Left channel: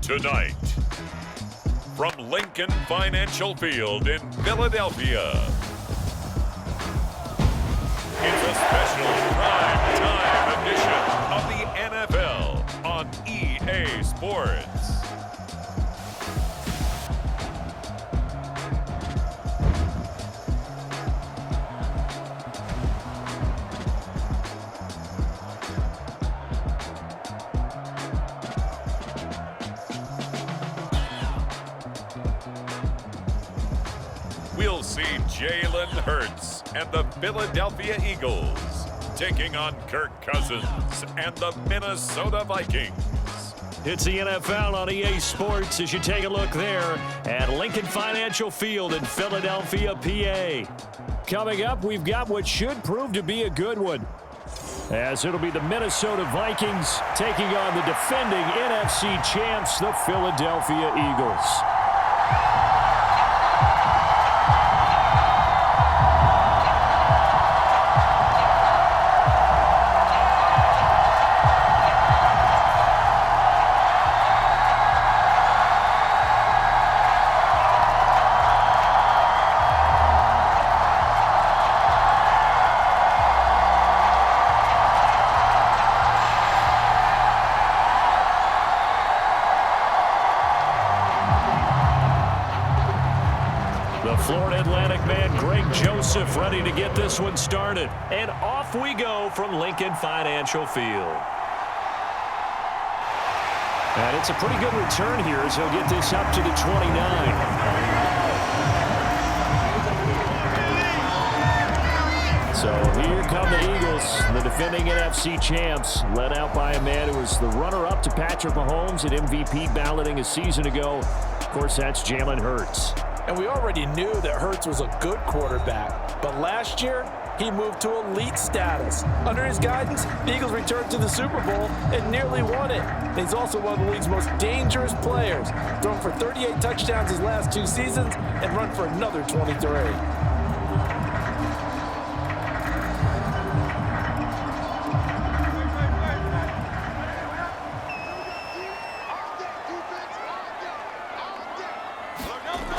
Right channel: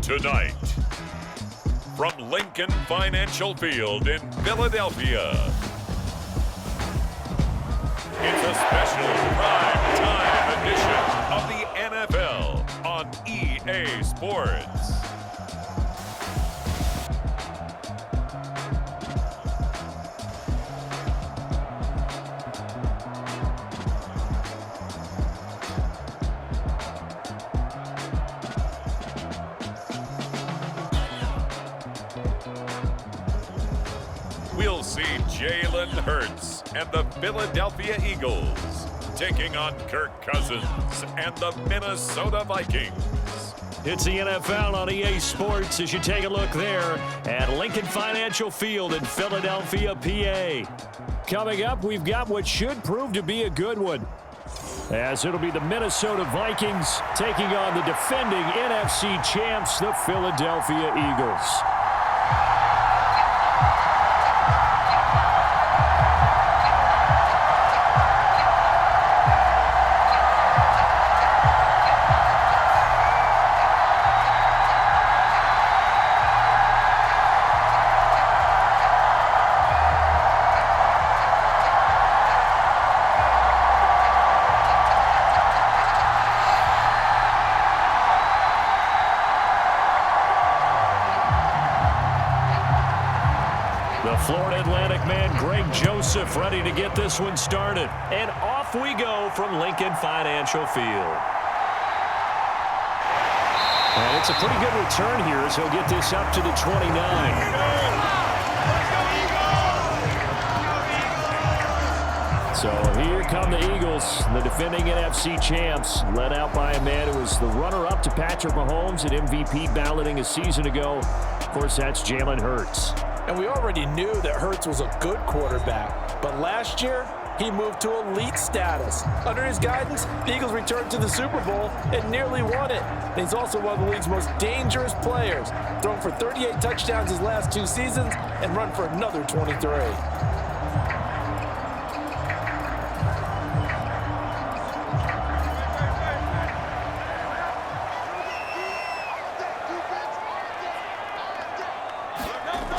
Tonight, from Lincoln Financial Field in Philadelphia, it's a special prime time edition of the NFL on EA Sports. We'll see Jalen Hurts and the Philadelphia Eagles taking on Kirk Cousins and the Minnesota Vikings. It's the NFL on EA Sports as you take a look there at Lincoln Financial Field in Philadelphia, PA. Coming up, we've got what should prove to be a good one, as it'll be the Minnesota Vikings taking on the defending NFC champs, the Philadelphia Eagles. The Florida Atlantic man, Greg Joseph, ready to get this one started. And off we go from Lincoln Financial Field. And it's a pretty good return here as he'll get this up to the 29. So here come the Eagles, the defending NFC champs, led out by a man who was the runner-up to Patrick Mahomes at MVP balloting a season ago. Of course, that's Jalen Hurts. And we already knew that Hurts was a good quarterback, but last year, he moved to elite status. Under his guidance, the Eagles returned to the Super Bowl and nearly won it. And he's also one of the league's most dangerous players, thrown for 38 touchdowns his last 2 seasons and run for another 23.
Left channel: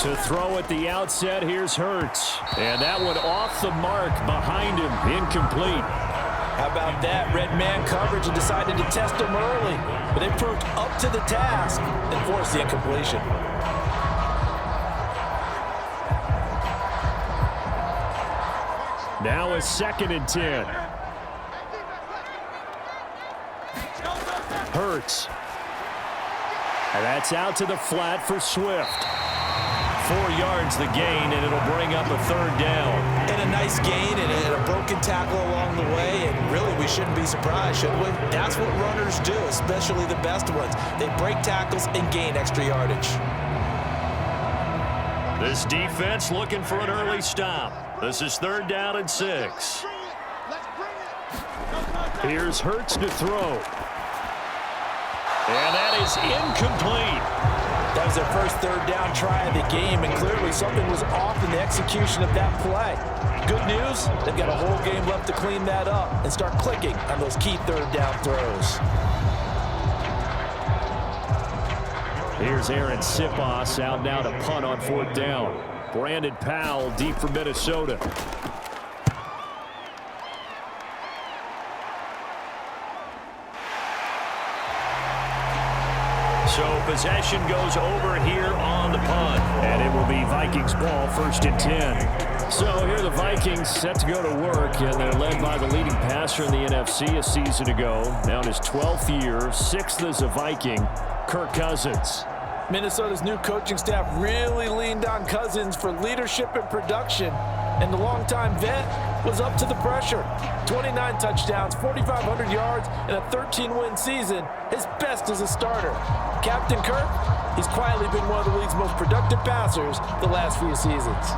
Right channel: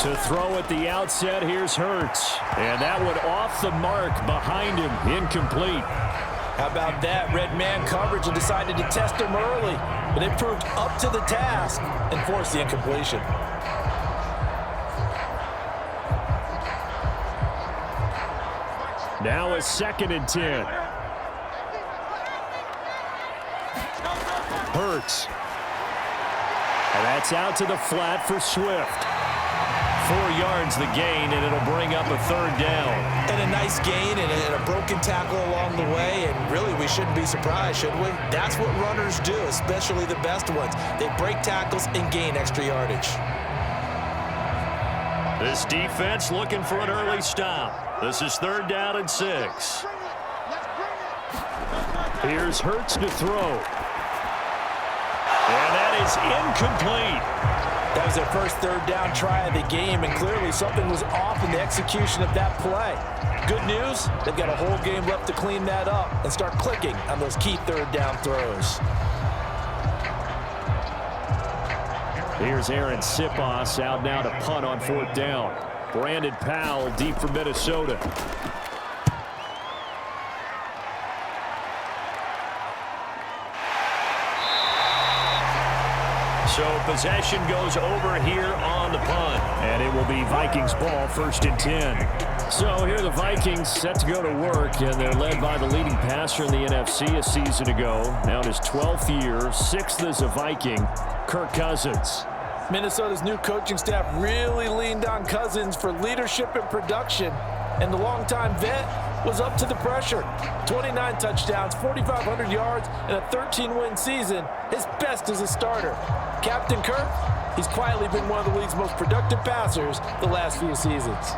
To throw at the outset, here's Hurts. And that one off the mark behind him, incomplete. How about that? Red man coverage and decided to test him early. But it proved up to the task and forced the incompletion. Now a 2nd and 10. Hurts. And that's out to the flat for Swift. 4 yards the gain, and it'll bring up a 3rd down. And a nice gain and a broken tackle along the way, and really we shouldn't be surprised, should we? That's what runners do, especially the best ones. They break tackles and gain extra yardage. This defense looking for an early stop. This is 3rd down and 6. Here's Hurts to throw. And that is incomplete. That was their first 3rd down try of the game, and clearly something was off in the execution of that play. Good news, they've got a whole game left to clean that up and start clicking on those key 3rd down throws. Here's Aaron Sipos out now to punt on 4th down. Brandon Powell deep for Minnesota. So possession goes over here on the punt. And it will be Vikings ball, 1st and 10. So here the Vikings set to go to work, and they're led by the leading passer in the NFC a season ago. Now in his 12th year, 6th as a Viking, Kirk Cousins. Minnesota's new coaching staff really leaned on Cousins for leadership and production. And the longtime vet was up to the pressure. 29 touchdowns, 4,500 yards, and a 13-win season. His best as a starter. Captain Kirk, he's quietly been one of the league's most productive passers the last few seasons.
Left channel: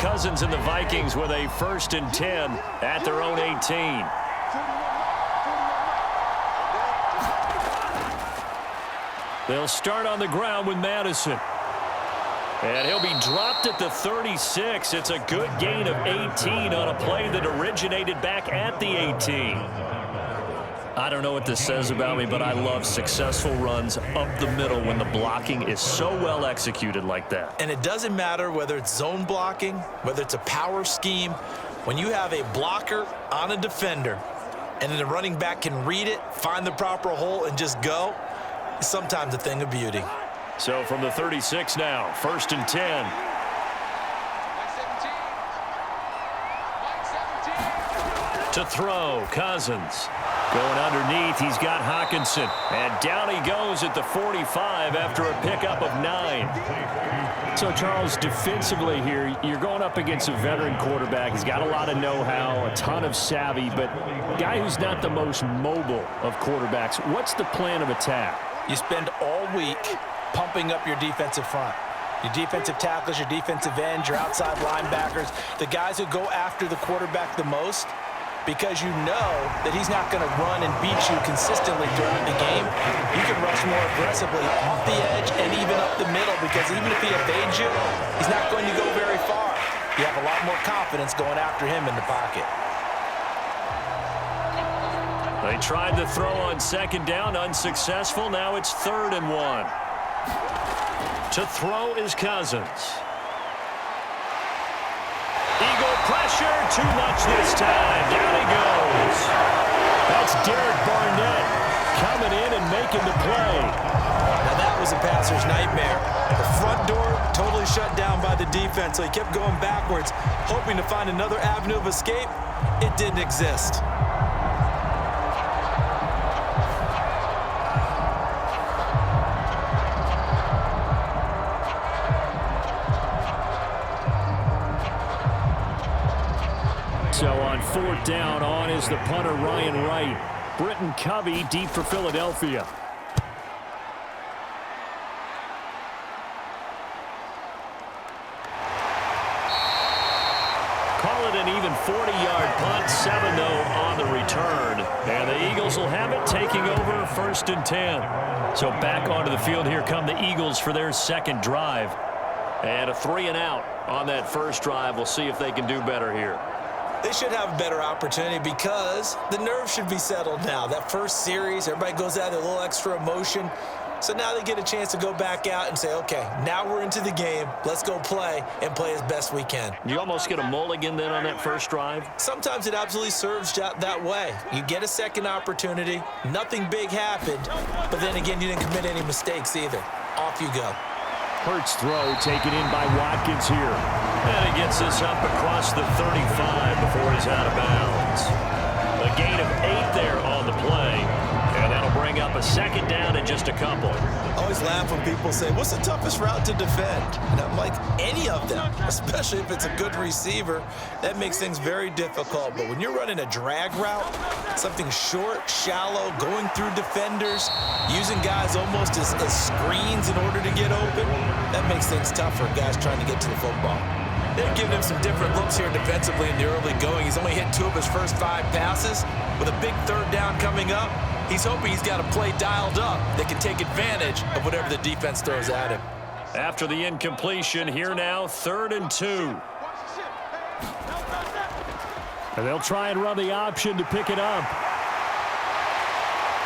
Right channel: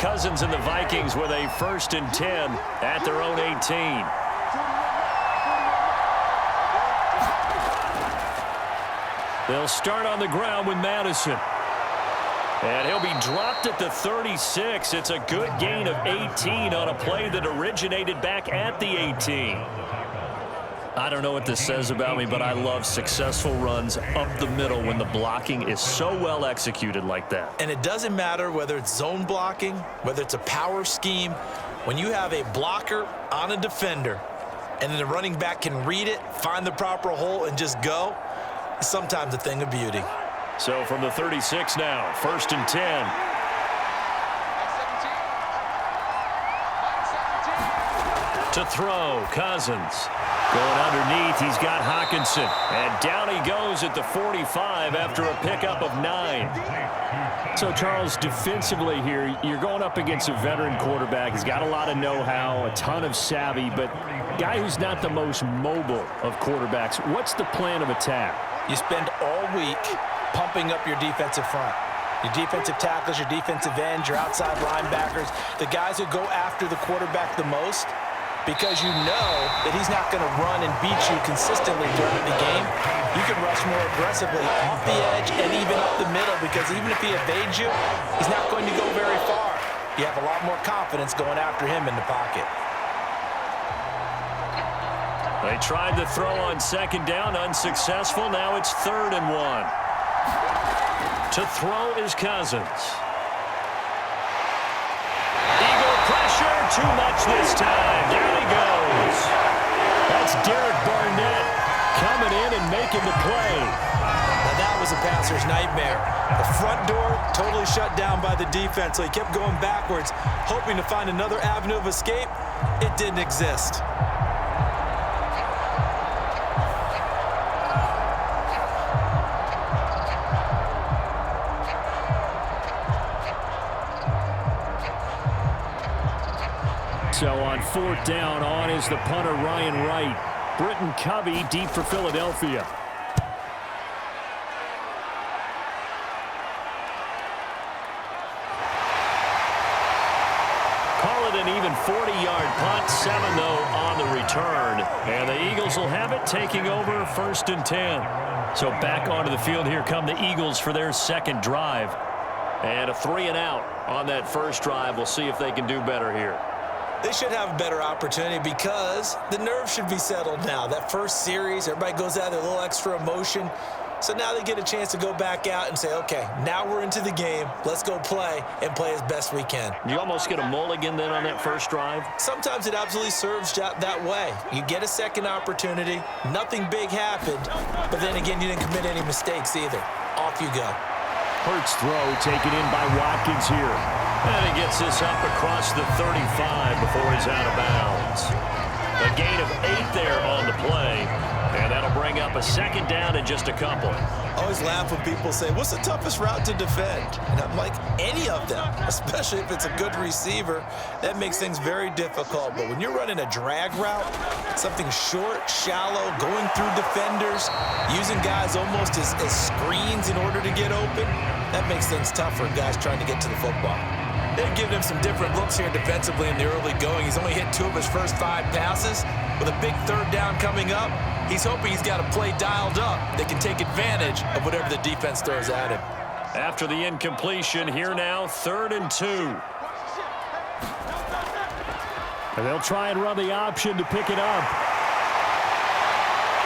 Cousins and the Vikings with a 1st and 10 at their own 18. They'll start on the ground with Madison. And he'll be dropped at the 36. It's a good gain of 18 on a play that originated back at the 18. I don't know what this says about me, but I love successful runs up the middle when the blocking is so well executed like that. And it doesn't matter whether it's zone blocking, whether it's a power scheme. When you have a blocker on a defender and then the running back can read it, find the proper hole, and just go, it's sometimes a thing of beauty. So from the 36 now, 1st and 10. To throw, Cousins. Going underneath, he's got Hawkinson. And down he goes at the 45 after a pickup of 9. So, Charles, defensively here, you're going up against a veteran quarterback. He's got a lot of know-how, a ton of savvy, but guy who's not the most mobile of quarterbacks. What's the plan of attack? You spend all week pumping up your defensive front. Your defensive tackles, your defensive ends, your outside linebackers, the guys who go after the quarterback the most, because you know that he's not going to run and beat you consistently throughout the game. You can rush more aggressively off the edge and even up the middle, because even if he evades you, he's not going to go very far. You have a lot more confidence going after him in the pocket. They tried the throw on 2nd down, unsuccessful. Now it's 3rd and 1. To throw is Cousins. Eagle pressure, too much this time. Down he goes. That's Derek Barnett coming in and making the play. Now that was a passer's nightmare. The front door totally shut down by the defense, so he kept going backwards, hoping to find another avenue of escape. It didn't exist. So on 4th down, on is the punter, Ryan Wright. Britton Covey deep for Philadelphia. Call it an even 40-yard punt, 7 though on the return. And the Eagles will have it, taking over 1st and 10. So back onto the field here come the Eagles for their 2nd drive. And a 3-and-out on that first drive. We'll see if they can do better here. They should have a better opportunity because the nerves should be settled now. That first series, everybody goes out with a little extra emotion. So now they get a chance to go back out and say, okay, now we're into the game. Let's go play and play as best we can. You almost get a mulligan then on that first drive? Sometimes it absolutely serves that way. You get a second opportunity. Nothing big happened. But then again, you didn't commit any mistakes either. Off you go. Hurts throw taken in by Watkins here. And he gets this up across the 35 before he's out of bounds. A gain of 8 there on the play. And that'll bring up a 2nd down in just a couple. I always laugh when people say, what's the toughest route to defend? And I'm like, any of them, especially if it's a good receiver. That makes things very difficult. But when you're running a drag route, something short, shallow, going through defenders, using guys almost as screens in order to get open, that makes things tough for guys trying to get to the football. They've given him some different looks here defensively in the early going. He's only hit 2 of his first 5 passes. With a big 3rd down coming up, he's hoping he's got a play dialed up that can take advantage of whatever the defense throws at him. After the incompletion, here now, 3rd and 2. And they'll try and run the option to pick it up.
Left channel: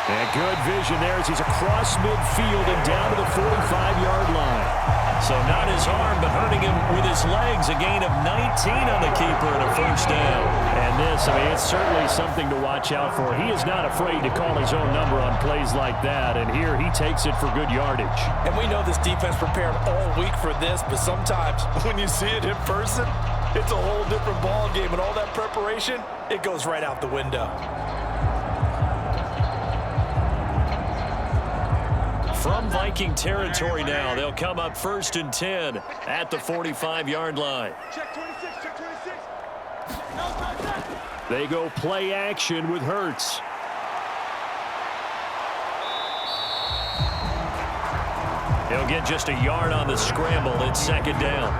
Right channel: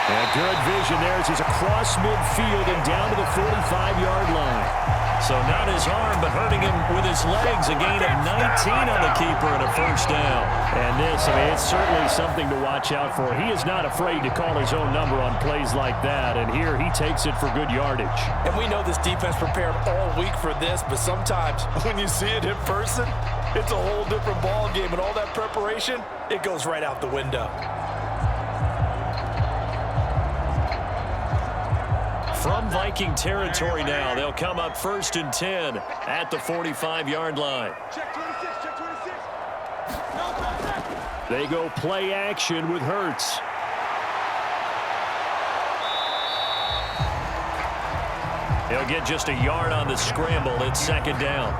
And good vision there as he's across midfield and down to the 45-yard line. So not his arm, but hurting him with his legs. A gain of 19 on the keeper and a 1st down. And this, it's certainly something to watch out for. He is not afraid to call his own number on plays like that. And here he takes it for good yardage. And we know this defense prepared all week for this, but sometimes when you see it in person, it's a whole different ball game. And all that preparation, it goes right out the window. From Viking territory now, they'll come up 1st and 10 at the 45-yard line. Check 26, check 26. They go play action with Hurts. He'll get just a yard on the scramble. It's 2nd down.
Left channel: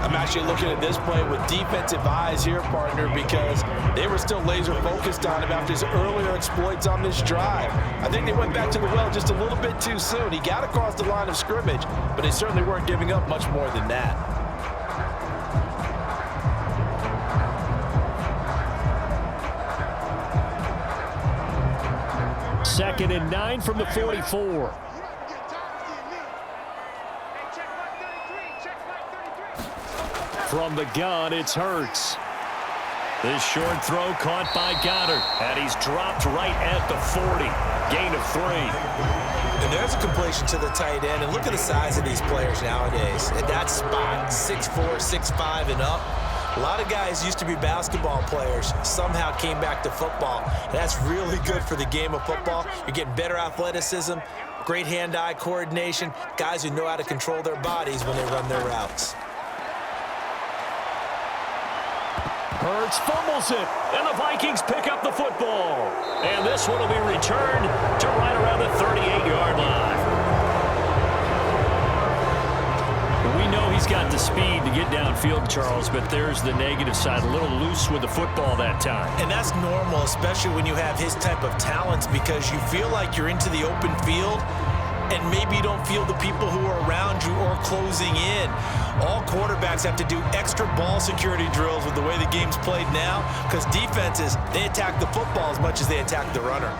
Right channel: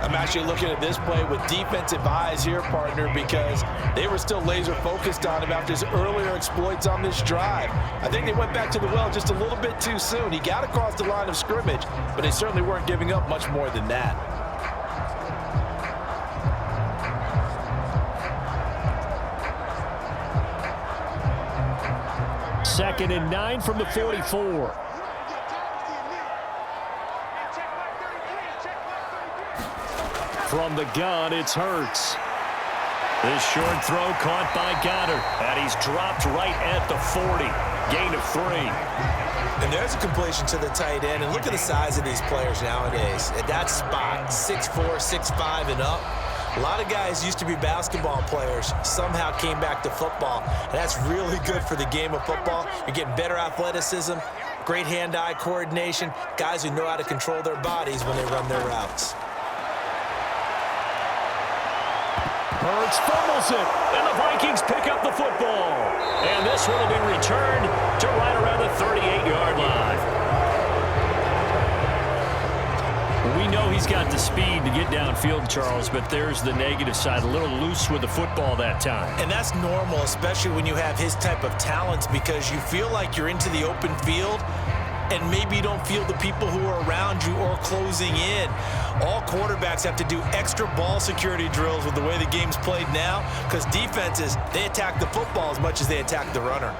I'm actually looking at this play with defensive eyes here, partner, because they were still laser focused on him after his earlier exploits on this drive. I think they went back to the well just a little bit too soon. He got across the line of scrimmage, but they certainly weren't giving up much more than that. Second and 9 from the 44. From the gun, it's Hurts. This short throw caught by Goddard, and he's dropped right at the 40. Gain of 3. And there's a completion to the tight end, and look at the size of these players nowadays. At that spot, 6'4", 6'5", and up. A lot of guys used to be basketball players, somehow came back to football, and that's really good for the game of football. You're getting better athleticism, great hand-eye coordination, guys who know how to control their bodies when they run their routes. Hurts fumbles it, and the Vikings pick up the football. And this one will be returned to right around the 38-yard line. We know he's got the speed to get downfield, Charles, but there's the negative side, a little loose with the football that time. And that's normal, especially when you have his type of talents, because you feel like you're into the open field and maybe you don't feel the people who are around you or closing in. All quarterbacks have to do extra ball security drills with the way the game's played now, because defenses, they attack the football as much as they attack the runner.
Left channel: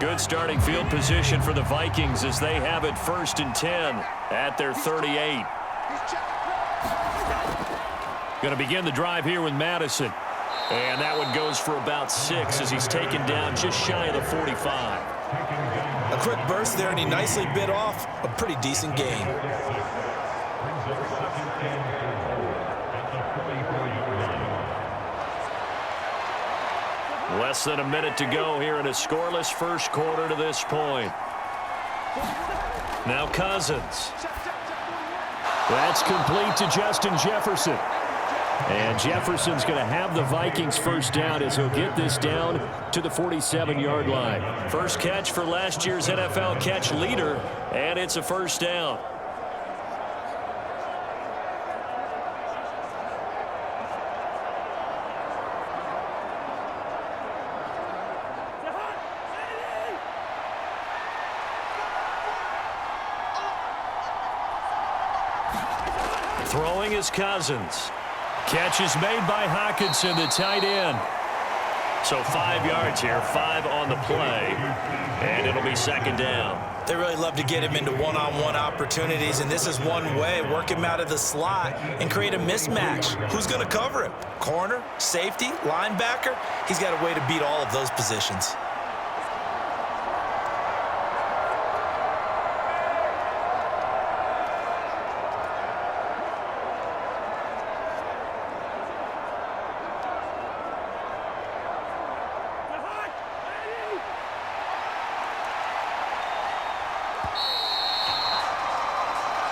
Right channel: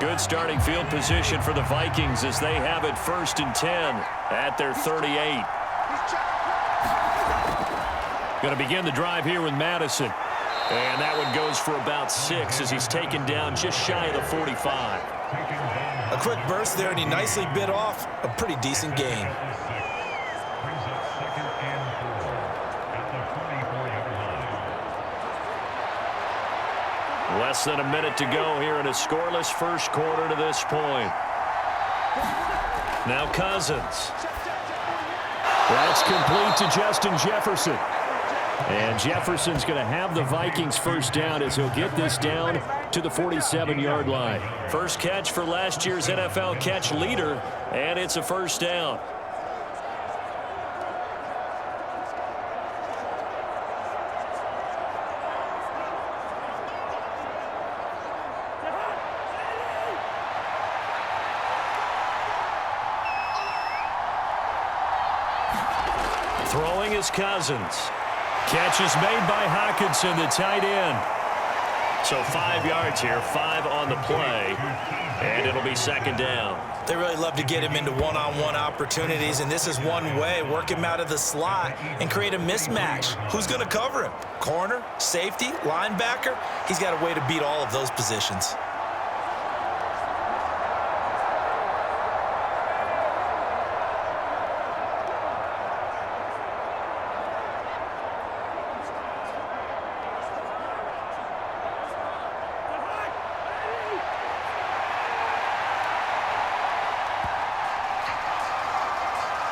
Good starting field position for the Vikings as they have it 1st and 10 at their 38. Going to begin the drive here with Madison. And that one goes for about 6 as he's taken down just shy of the 45. A quick burst there, and he nicely bit off a pretty decent gain. Less than a minute to go here in a scoreless first quarter to this point. Now Cousins. That's complete to Justin Jefferson. And Jefferson's going to have the Vikings first down as he'll get this down to the 47-yard line. First catch for last year's NFL catch leader, and it's a first down. Throwing is Cousins. Catch is made by Hockenson, the tight end. So 5 yards here, 5 on the play, and it'll be second down. They really love to get him into one-on-one opportunities, and this is one way. Work him out of the slot and create a mismatch. Who's going to cover him? Corner, safety, linebacker? He's got a way to beat all of those positions.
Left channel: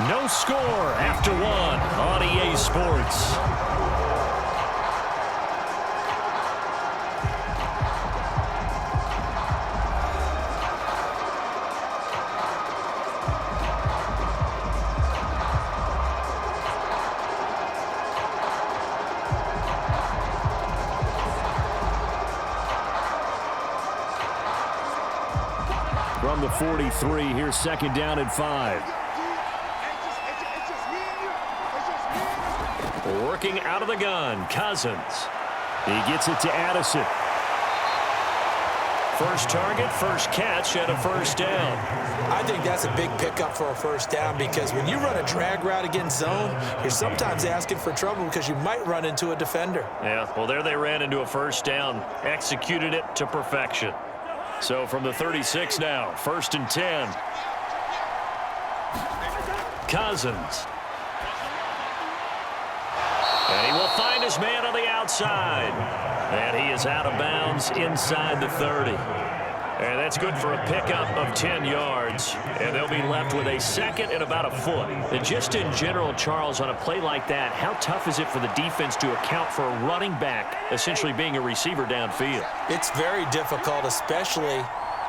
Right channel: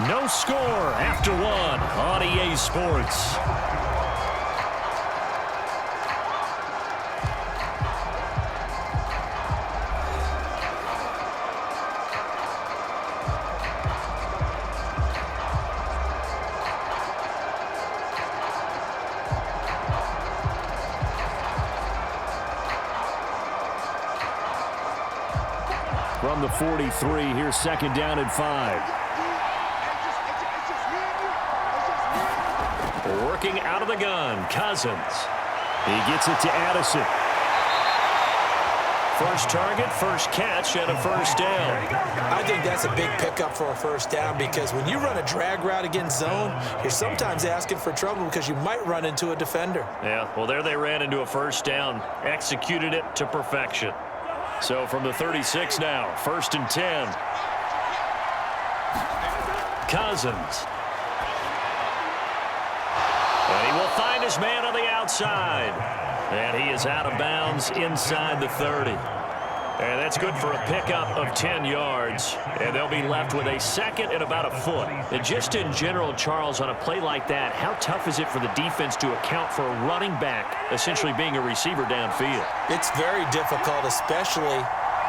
No score after 1 on EA Sports. From the 43, here's second down and 5. Working out of the gun, Cousins. He gets it to Addison. First target, first catch, and a first down. I think that's a big pickup for a first down, because when you run a drag route against zone, you're sometimes asking for trouble because you might run into a defender. Yeah, well, there they ran into a first down, executed it to perfection. So from the 36 now, 1st and 10. Cousins. And he will find his man on the outside. And he is out of bounds inside the 30. And that's good for a pickup of 10 yards. And they'll be left with a second and about a foot. And just in general, Charles, on a play like that, how tough is it for the defense to account for a running back essentially being a receiver downfield? It's very difficult, especially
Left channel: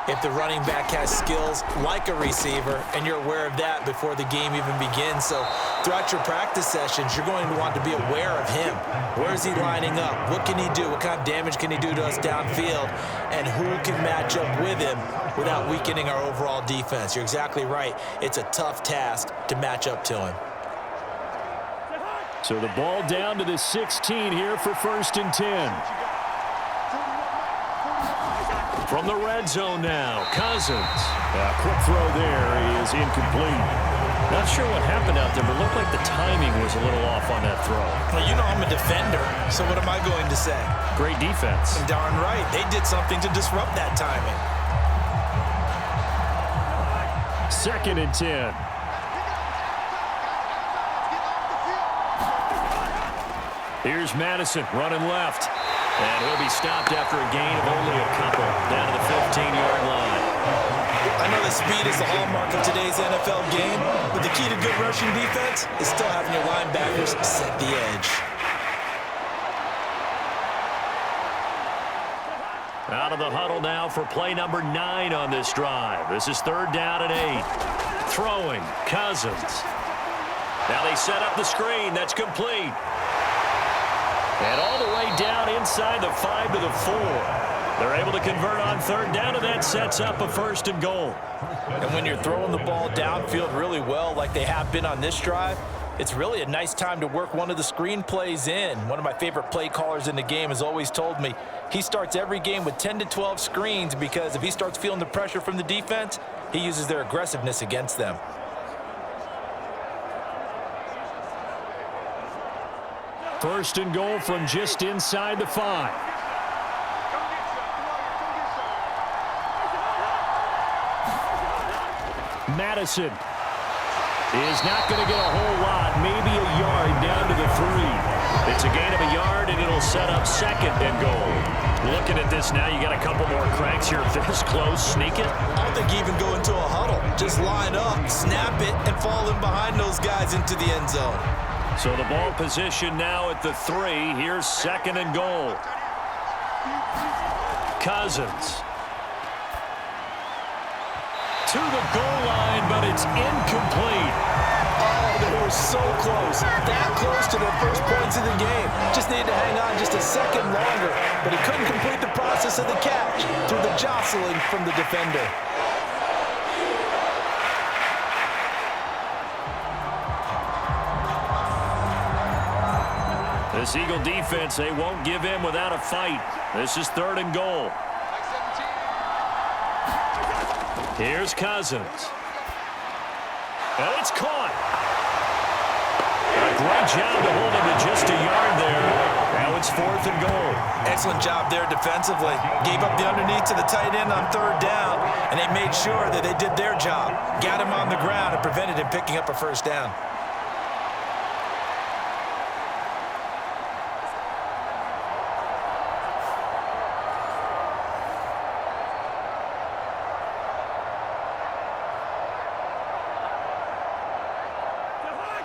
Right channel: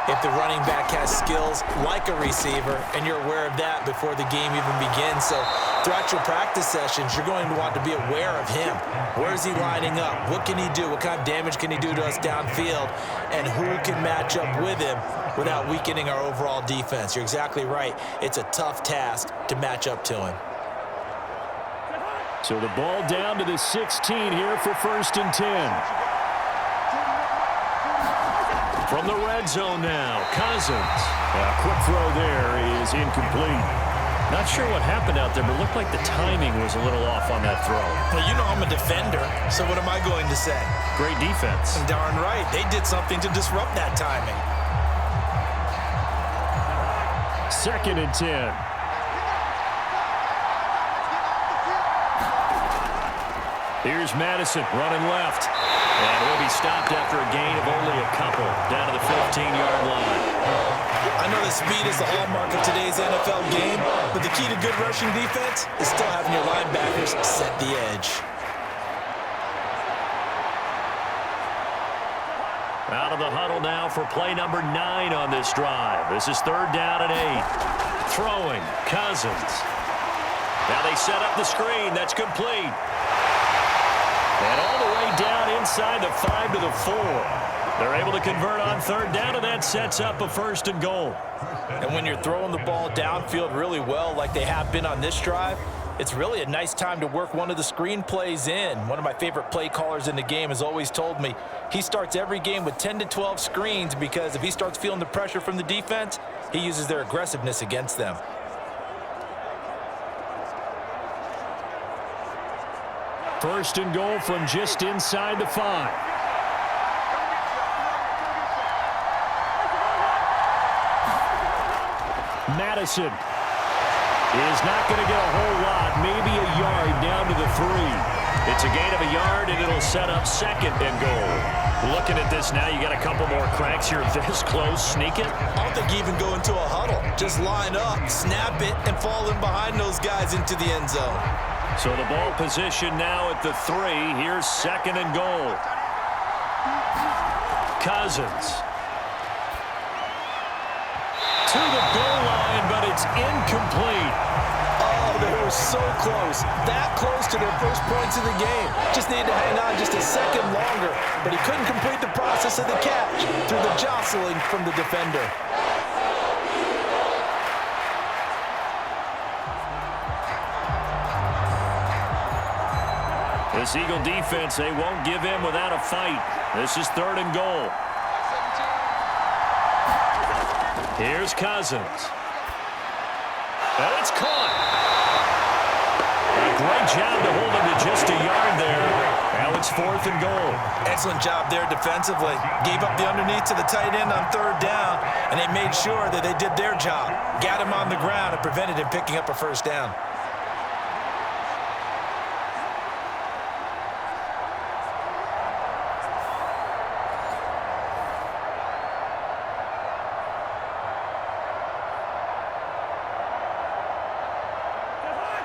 if the running back has skills like a receiver, and you're aware of that before the game even begins. So throughout your practice sessions, you're going to want to be aware of him. Where is he lining up? What can he do? What kind of damage can he do to us downfield? And who can match up with him without weakening our overall defense? You're exactly right. It's a tough task to match up to him. So the ball down to the 16 here for 1st and 10. From the red zone now, Cousins. A quick throw there is incomplete. Not sure what happened out there, but it looked like the timing was a little off on that throw. Well, you know I'm a defender, so what am I going to say? Great defense. Darn right. They did something to disrupt that timing. 2nd and 10. Here's Madison running left. And he'll be stopped after a gain of only a couple down to the 15-yard line. I know that speed is the hallmark of today's NFL game, but the key to good rushing defense is still having your linebackers set the edge. Out of the huddle now for play number 9 on this drive. This is 3rd down and 8. Throwing, Cousins. Now they set up the screen. That's complete. And all the way down inside the 5 to the 4. They're able to convert on 3rd down, and that sets up a 1st and goal. And when you're throwing the ball downfield really well like they have been on this drive, it's really a nice time to work one of the screen plays in. One of my favorite play callers in the game has always told me he starts every game with 10 to 12 screens because if he starts feeling the pressure from the defense, he uses their aggressiveness against them. 1st and goal from just inside the 5. Madison is not going to get a whole lot, maybe a yard down to the 3. It's a gain of a yard, and it'll set up 2nd and goal. Looking at this now, you got a couple more cracks here. This close, sneak it. I don't think you even go into a huddle. Just line up, snap it, and fall in behind those guys into the end zone. So the ball position now at the 3. Here's 2nd and goal. Cousins. To the goal line, but it's incomplete. Oh, they were so close. That close to their first points of the game. Just needed to hang on just a second longer, but he couldn't complete the process of the catch through the jostling from the defender. This Eagle defense, they won't give in without a fight. This is 3rd and goal. Here's Cousins. And it's caught. A great job to hold him to just a yard there. Now it's 4th and goal. Excellent job there defensively. Gave up the underneath to the tight end on 3rd down, and they made sure that they did their job. Got him on the ground and prevented him picking up a 1st down.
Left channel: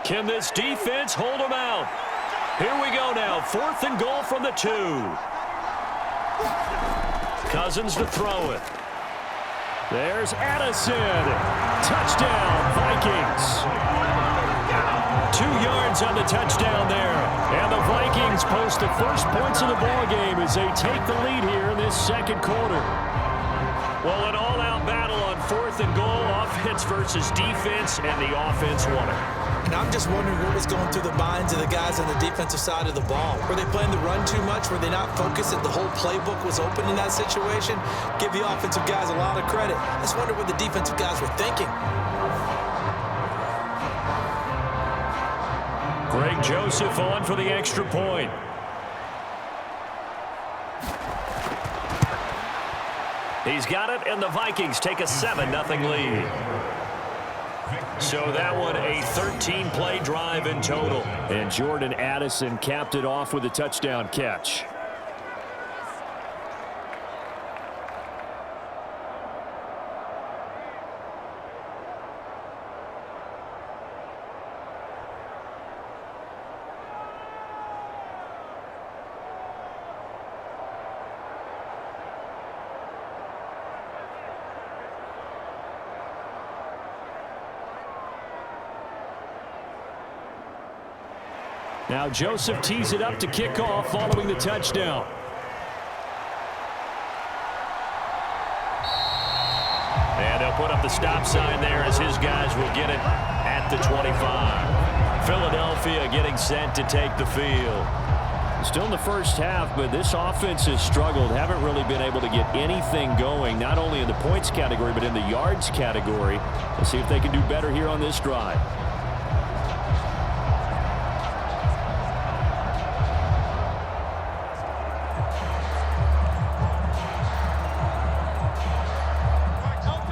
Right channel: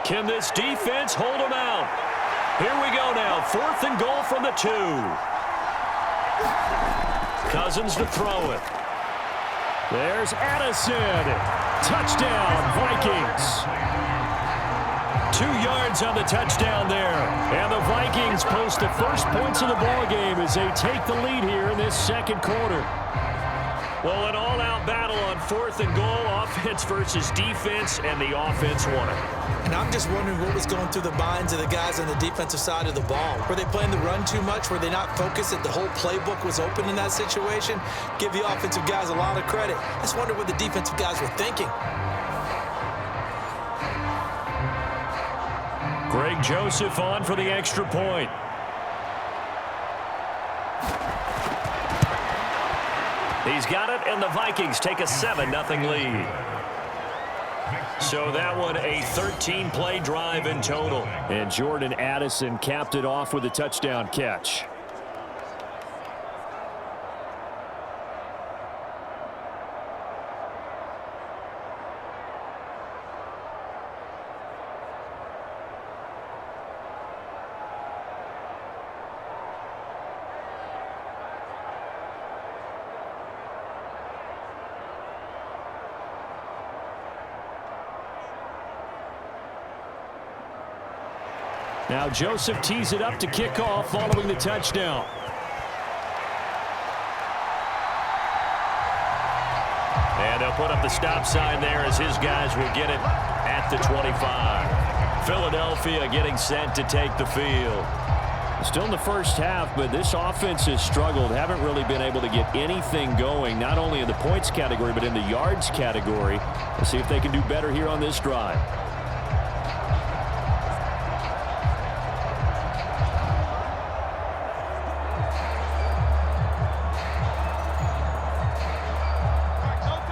Can this defense hold them out? Here we go now. 4th and goal from the 2. Cousins to throw it. There's Addison. Touchdown, Vikings. 2 yards on the touchdown there. And the Vikings post the first points of the ball game as they take the lead here in this 2nd quarter. Well, an all-out battle on 4th and goal, offense versus defense, and the offense won it. And I'm just wondering what was going through the minds of the guys on the defensive side of the ball. Were they playing the run too much? Were they not focused that the whole playbook was open in that situation? Give the offensive guys a lot of credit. I just wonder what the defensive guys were thinking. Greg Joseph on for the extra point. He's got it, and the Vikings take a 7-0 lead. So that one, a 13-play drive in total. And Jordan Addison capped it off with a touchdown catch. Now Joseph tees it up to kick off following the touchdown. And they'll put up the stop sign there as his guys will get it at the 25. Philadelphia getting set to take the field. Still in the first half, but this offense has struggled. Haven't really been able to get anything going, not only in the points category, but in the yards category. We'll see if they can do better here on this drive.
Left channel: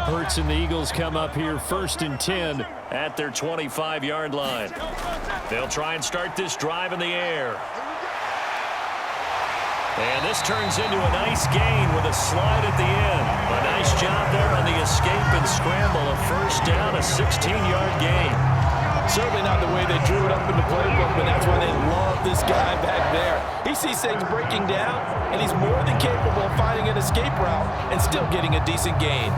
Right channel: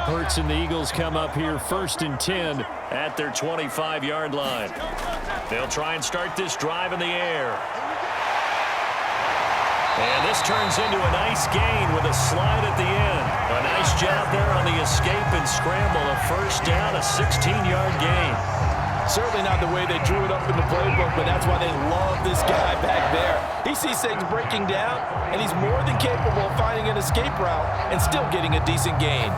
Hurts and the Eagles come up here 1st and 10 at their 25-yard line. They'll try and start this drive in the air. And this turns into a nice gain with a slide at the end. A nice job there on the escape and scramble. A first down, a 16-yard gain. Certainly not the way they drew it up in the playbook, but that's why they love this guy back there. He sees things breaking down, and he's more than capable of finding an escape route and still getting a decent gain.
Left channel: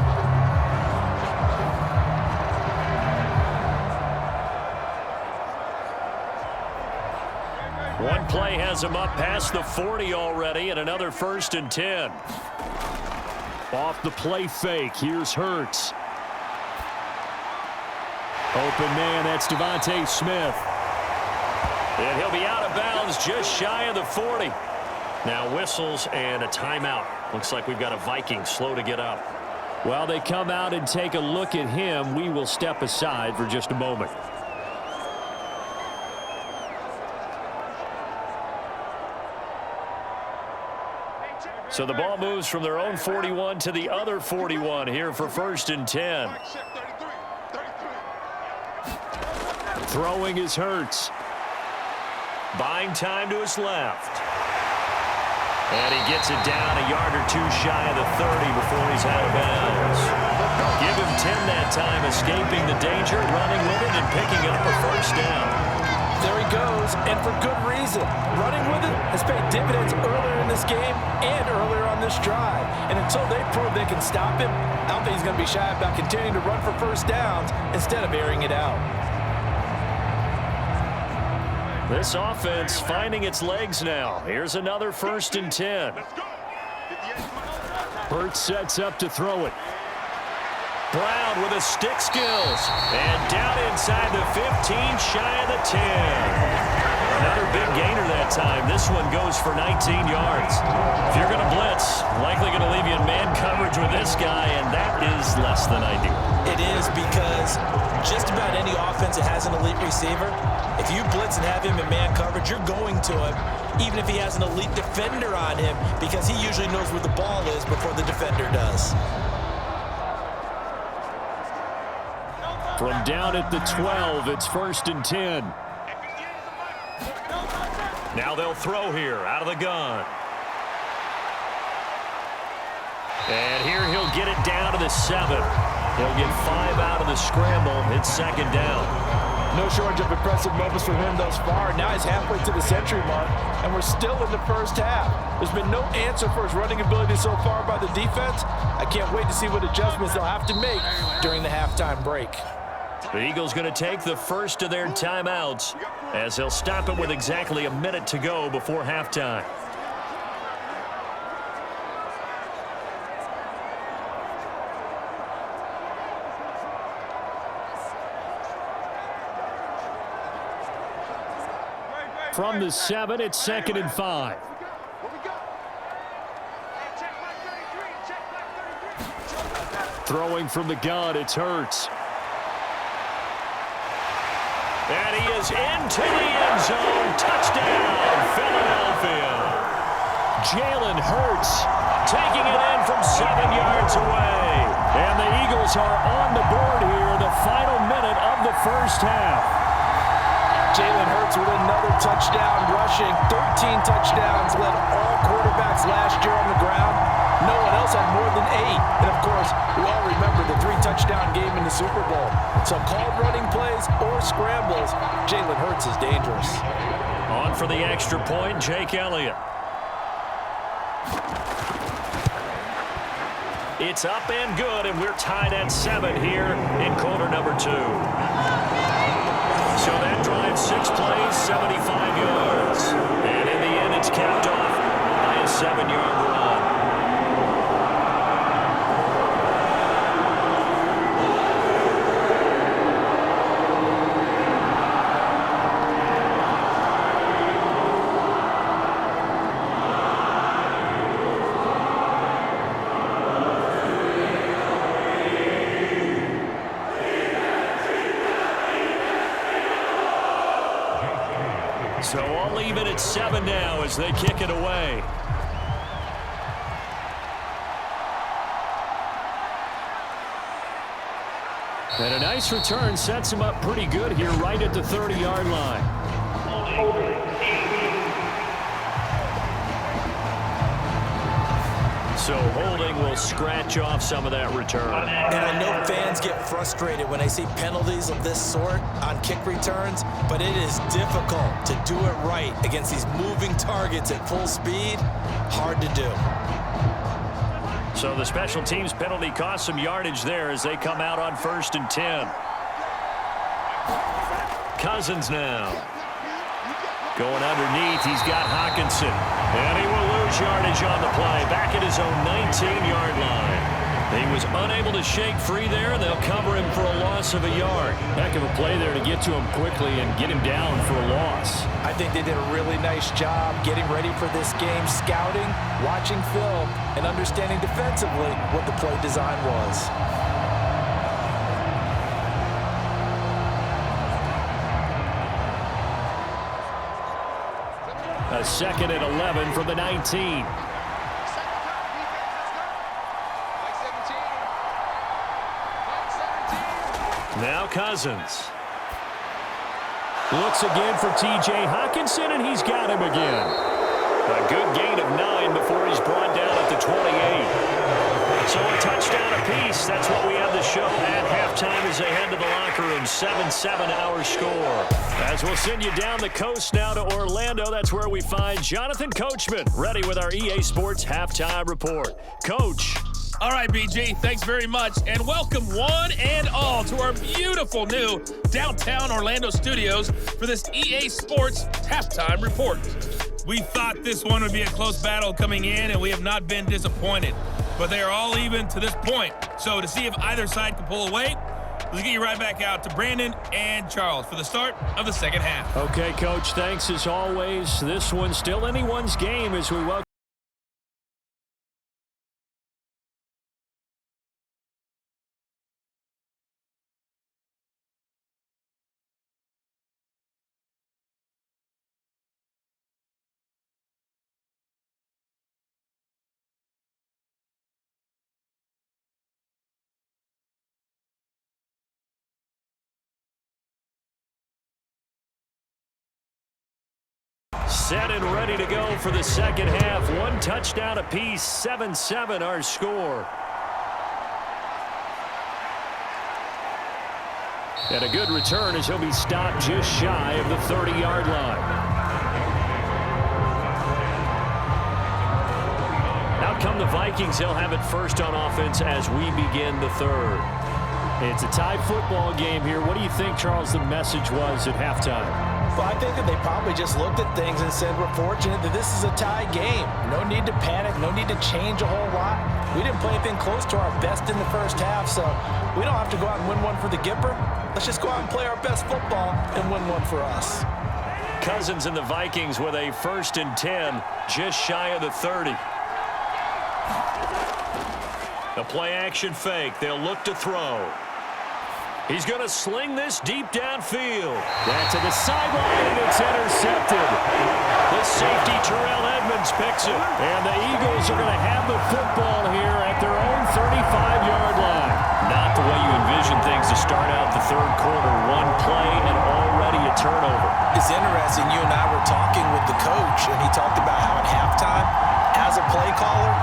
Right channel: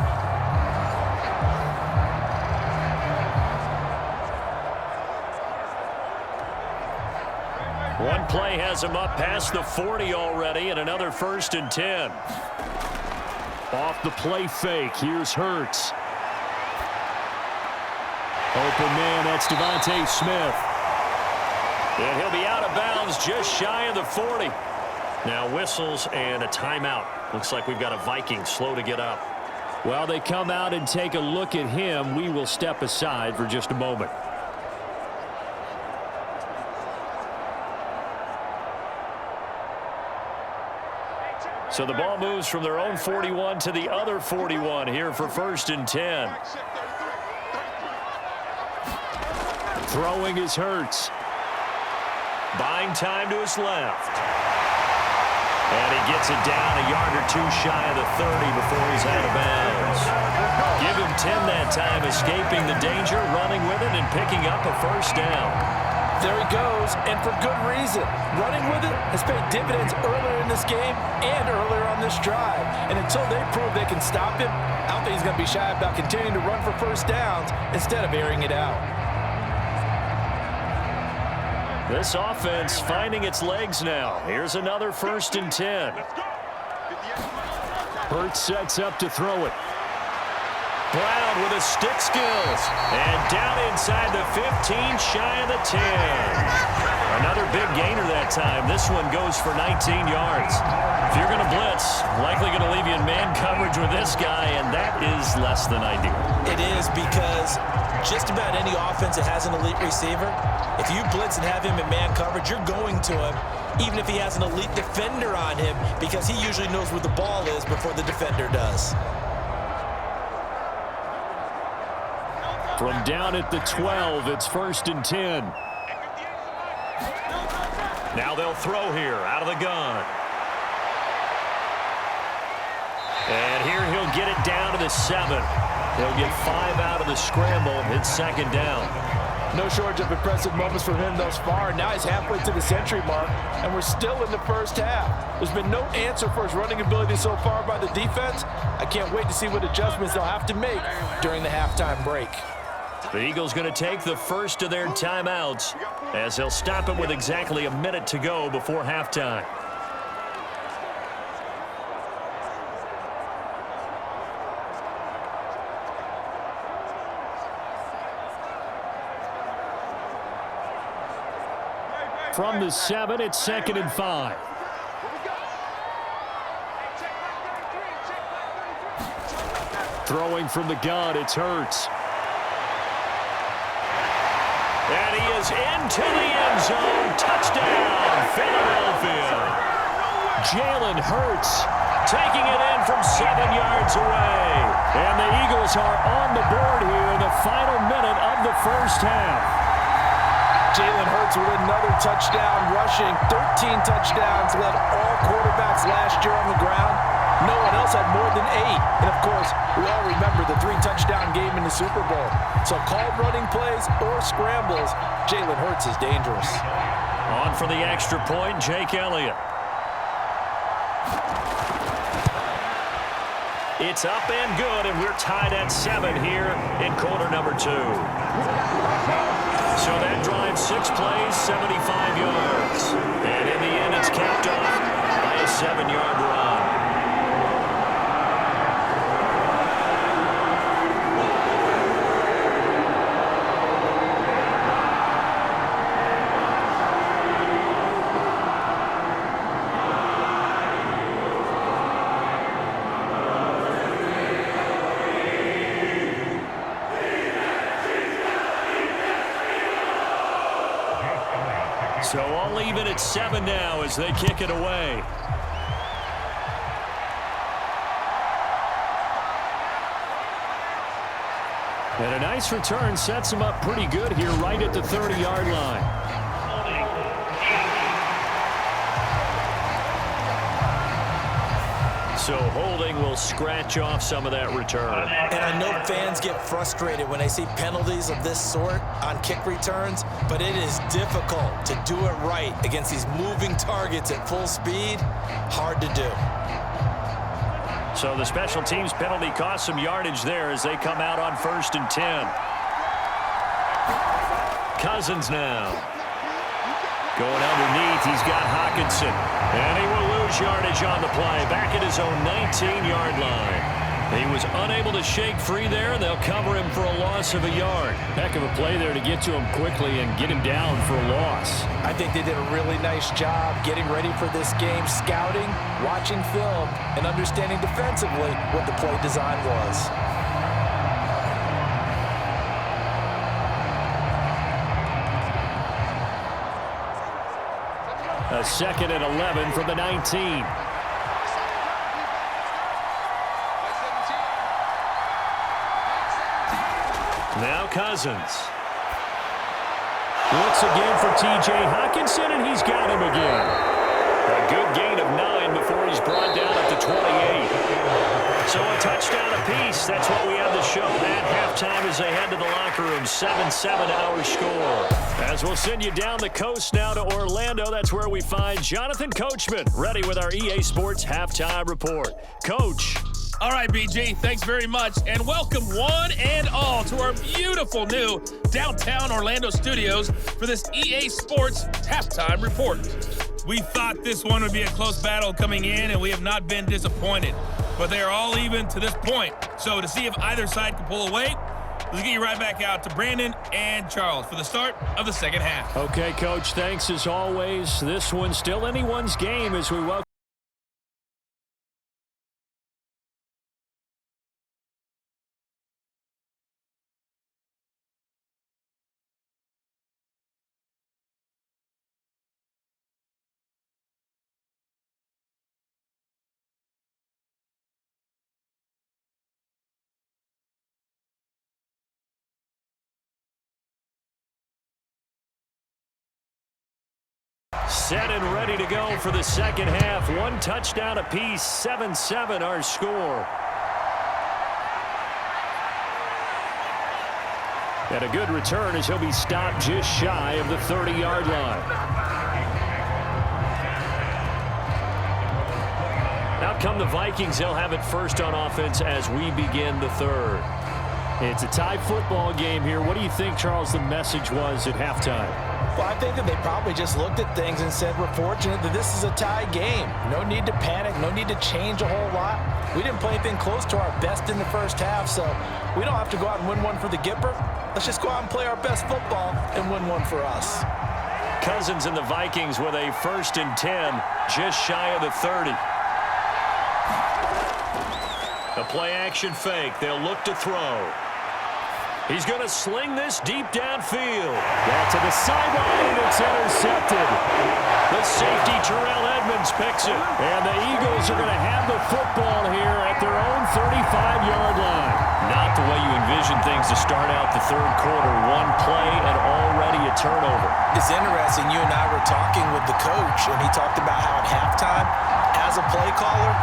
One play has him up past the 40 already, and another 1st and 10. Off the play fake, here's Hurts. Open man, that's Devontae Smith. And he'll be out of bounds just shy of the 40. Now whistles and a timeout. Looks like we've got a Vikings slow to get up. Well, they come out and take a look at him. We will step aside for just a moment. So the ball moves from their own 41 to the other 41 here for 1st and 10. Throwing is Hurts. Buying time to his left. And he gets it down a yard or two shy of the 30 before he's out of bounds. Give him 10 that time, escaping the danger, running with it, and picking up a first down. There he goes, and for good reason. Running with it has paid dividends earlier in this game and earlier on this drive. And until they prove they can stop him, I don't think he's going to be shy about continuing to run for first downs instead of airing it out. This offense finding its legs now. Here's another 1st and 10. Hurts sets up to throw it. Brown with his stick skills. And down inside the 15, shy of the 10. Another big gainer that time. This one goes for 19 yards. If you're going to blitz, likely going to leave you in man coverage with this guy, and that is less than ideal. It is, because just about any offense that has an elite receiver, if you blitz and have him in man coverage, you're going to him, even if he has an elite defender on him, because he usually knows where the ball is before the defender does. From down at the 12, it's 1st and 10. Now they'll throw here out of the gun. And here he'll get it down to the 7. He'll get 5 out of the scramble. It's 2nd down. No shortage of impressive moments from him thus far. Now he's halfway to the century mark, and we're still in the first half. There's been no answer for his running ability so far by the defense. I can't wait to see what adjustments they'll have to make during the halftime break. The Eagles going to take the first of their timeouts as they'll stop it with exactly a minute to go before halftime. From the 7, it's 2nd and 5. Throwing from the gun, it's Hurts. And he is into the end zone. Touchdown, Philadelphia. Jalen Hurts taking it in from 7 yards away. And the Eagles are on the board here in the final minute of the first half. Jalen Hurts with another touchdown rushing. 13 touchdowns, led all quarterbacks last year on the ground. No one else had more than 8. And, of course, we all remember the 3-touchdown game in the Super Bowl. So called running plays or scrambles, Jalen Hurts is dangerous. On for the extra point, Jake Elliott. It's up and good, and we're tied at 7 here in quarter number 2. So that drive, 6 plays, 75 yards. And in the end, it's capped off by a 7-yard run. So all even at 7 now as they kick it away. And a nice return sets him up pretty good here right at the 30-yard line. So holding will scratch off some of that return. And I know fans get frustrated when they see penalties of this sort on kick returns, but it is difficult to do it right against these moving targets at full speed. Hard to do. So the special teams penalty cost some yardage there as they come out on 1st and 10. Cousins now. Going underneath, he's got Hockenson. And he will lose yardage on the play. Back at his own 19-yard line. He was unable to shake free there, and they'll cover him for a loss of a yard. Heck of a play there to get to him quickly and get him down for a loss. I think they did a really nice job getting ready for this game, scouting, watching film, and understanding defensively what the play design was. A 2nd and 11 from the 19. Now Cousins. Looks again for T.J. Hockenson, and he's got him again. A good gain of 9 before he's brought down at the 28. So a touchdown apiece. That's what we have the show at halftime as they head to the locker room. 7-7 our score. As we'll send you down the coast now to Orlando, that's where we find Jonathan Coachman ready with our EA Sports halftime report. Coach. All right, BG, thanks very much, and welcome one and all to our beautiful new downtown Orlando studios for this EA Sports halftime report. We thought this one would be a close battle coming in, and we have not been disappointed. But they are all even to this point. So to see if either side can pull away, let's get you right back out to Brandon and Charles for the start of the second half. Okay, Coach, thanks as always. This one's still anyone's game as we welcome. Set and ready to go for the second half. One touchdown apiece, 7-7 our score. And a good return as he'll be stopped just shy of the 30-yard line. Out come the Vikings. They'll have it first on offense as we begin the third. It's a tie football game here. What do you think, Charles, the message was at halftime? Well, I think that they probably just looked at things and said, we're fortunate that this is a tie game. No need to panic, no need to change a whole lot. We didn't play anything close to our best in the first half, so we don't have to go out and win one for the Gipper. Let's just go out and play our best football and win one for us. Cousins and the Vikings with a 1st and 10, just shy of the 30. A play-action fake. They'll look to throw. He's going to sling this deep downfield. That's to the sideline, and it's intercepted. The safety, Terrell Edmonds, picks it. And the Eagles are going to have the football here at their own 35-yard line. Not the way you envision things to start out the third quarter. One play and already a turnover. It's interesting. You and I were talking with the coach, and he talked about how at halftime, as a play caller,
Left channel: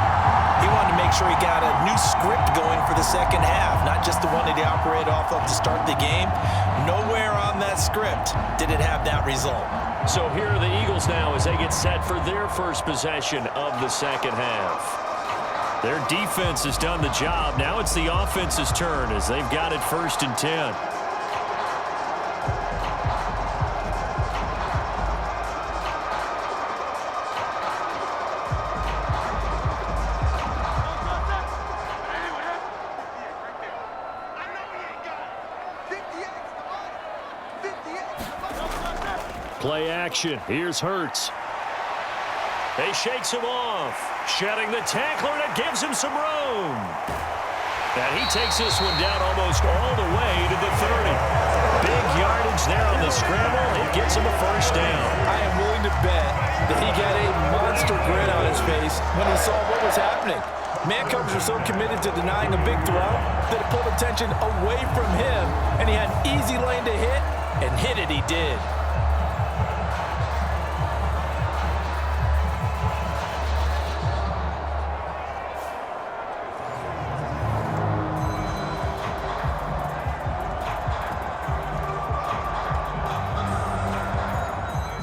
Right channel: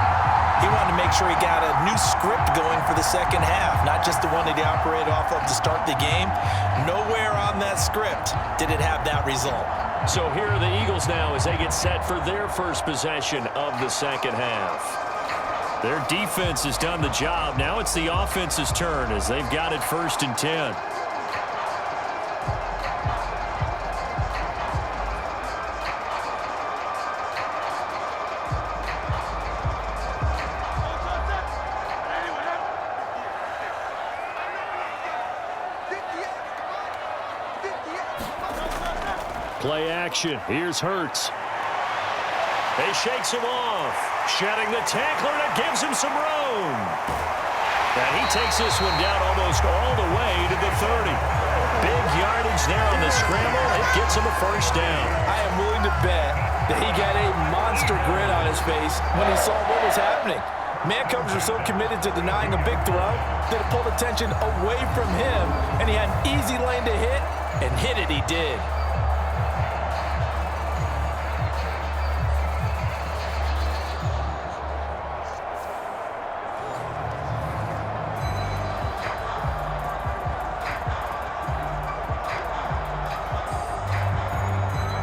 he wanted to make sure he got a new script going for the second half, not just the one that he operated off of to start the game. Nowhere on that script did it have that result. So here are the Eagles now as they get set for their first possession of the second half. Their defense has done the job. Now it's the offense's turn as they've got it 1st and 10. Play action. Here's Hurts. He shakes him off. Shedding the tackler, and it gives him some room. And he takes this one down almost all the way to the 30. Big yardage there on the scramble. It gets him a first down. I am willing to bet that he got a monster grin on his face when he saw what was happening. Man coverage are so committed to denying a big throw that it pulled attention away from him, and he had an easy lane to hit, and hit it he did.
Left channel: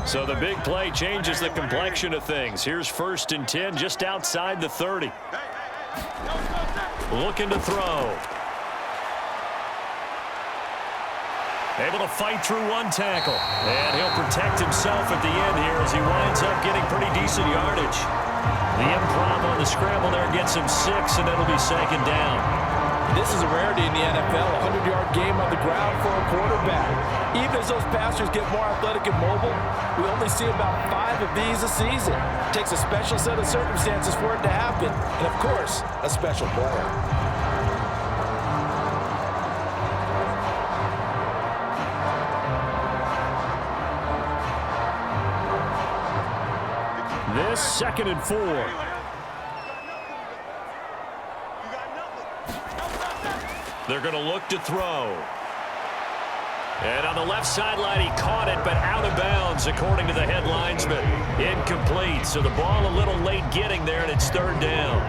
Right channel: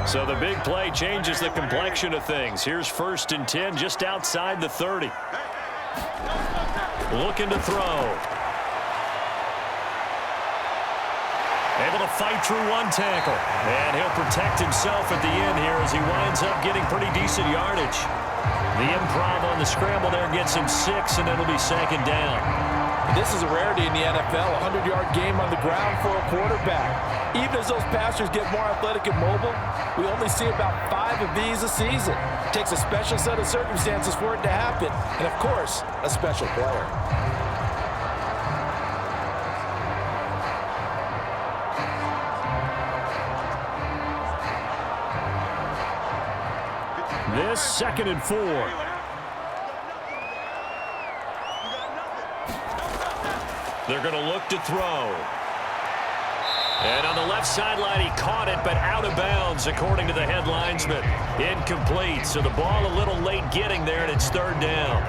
So the big play changes the complexion of things. Here's 1st and 10 just outside the 30. Looking to throw. Able to fight through one tackle. And he'll protect himself at the end here as he winds up getting pretty decent yardage. The improv on the scramble there gets him 6, and it'll be 2nd down. This is a rarity in the NFL, a 100-yard game on the ground for a quarterback. Even as those passers get more athletic and mobile, we only see about 5 of these a season. It takes a special set of circumstances for it to happen, and of course, a special player. This 2nd and 4. They're going to look to throw. And on the left sideline, he caught it, but out of bounds, according to the head linesman. Incomplete, so the ball a little late getting there, and it's 3rd down.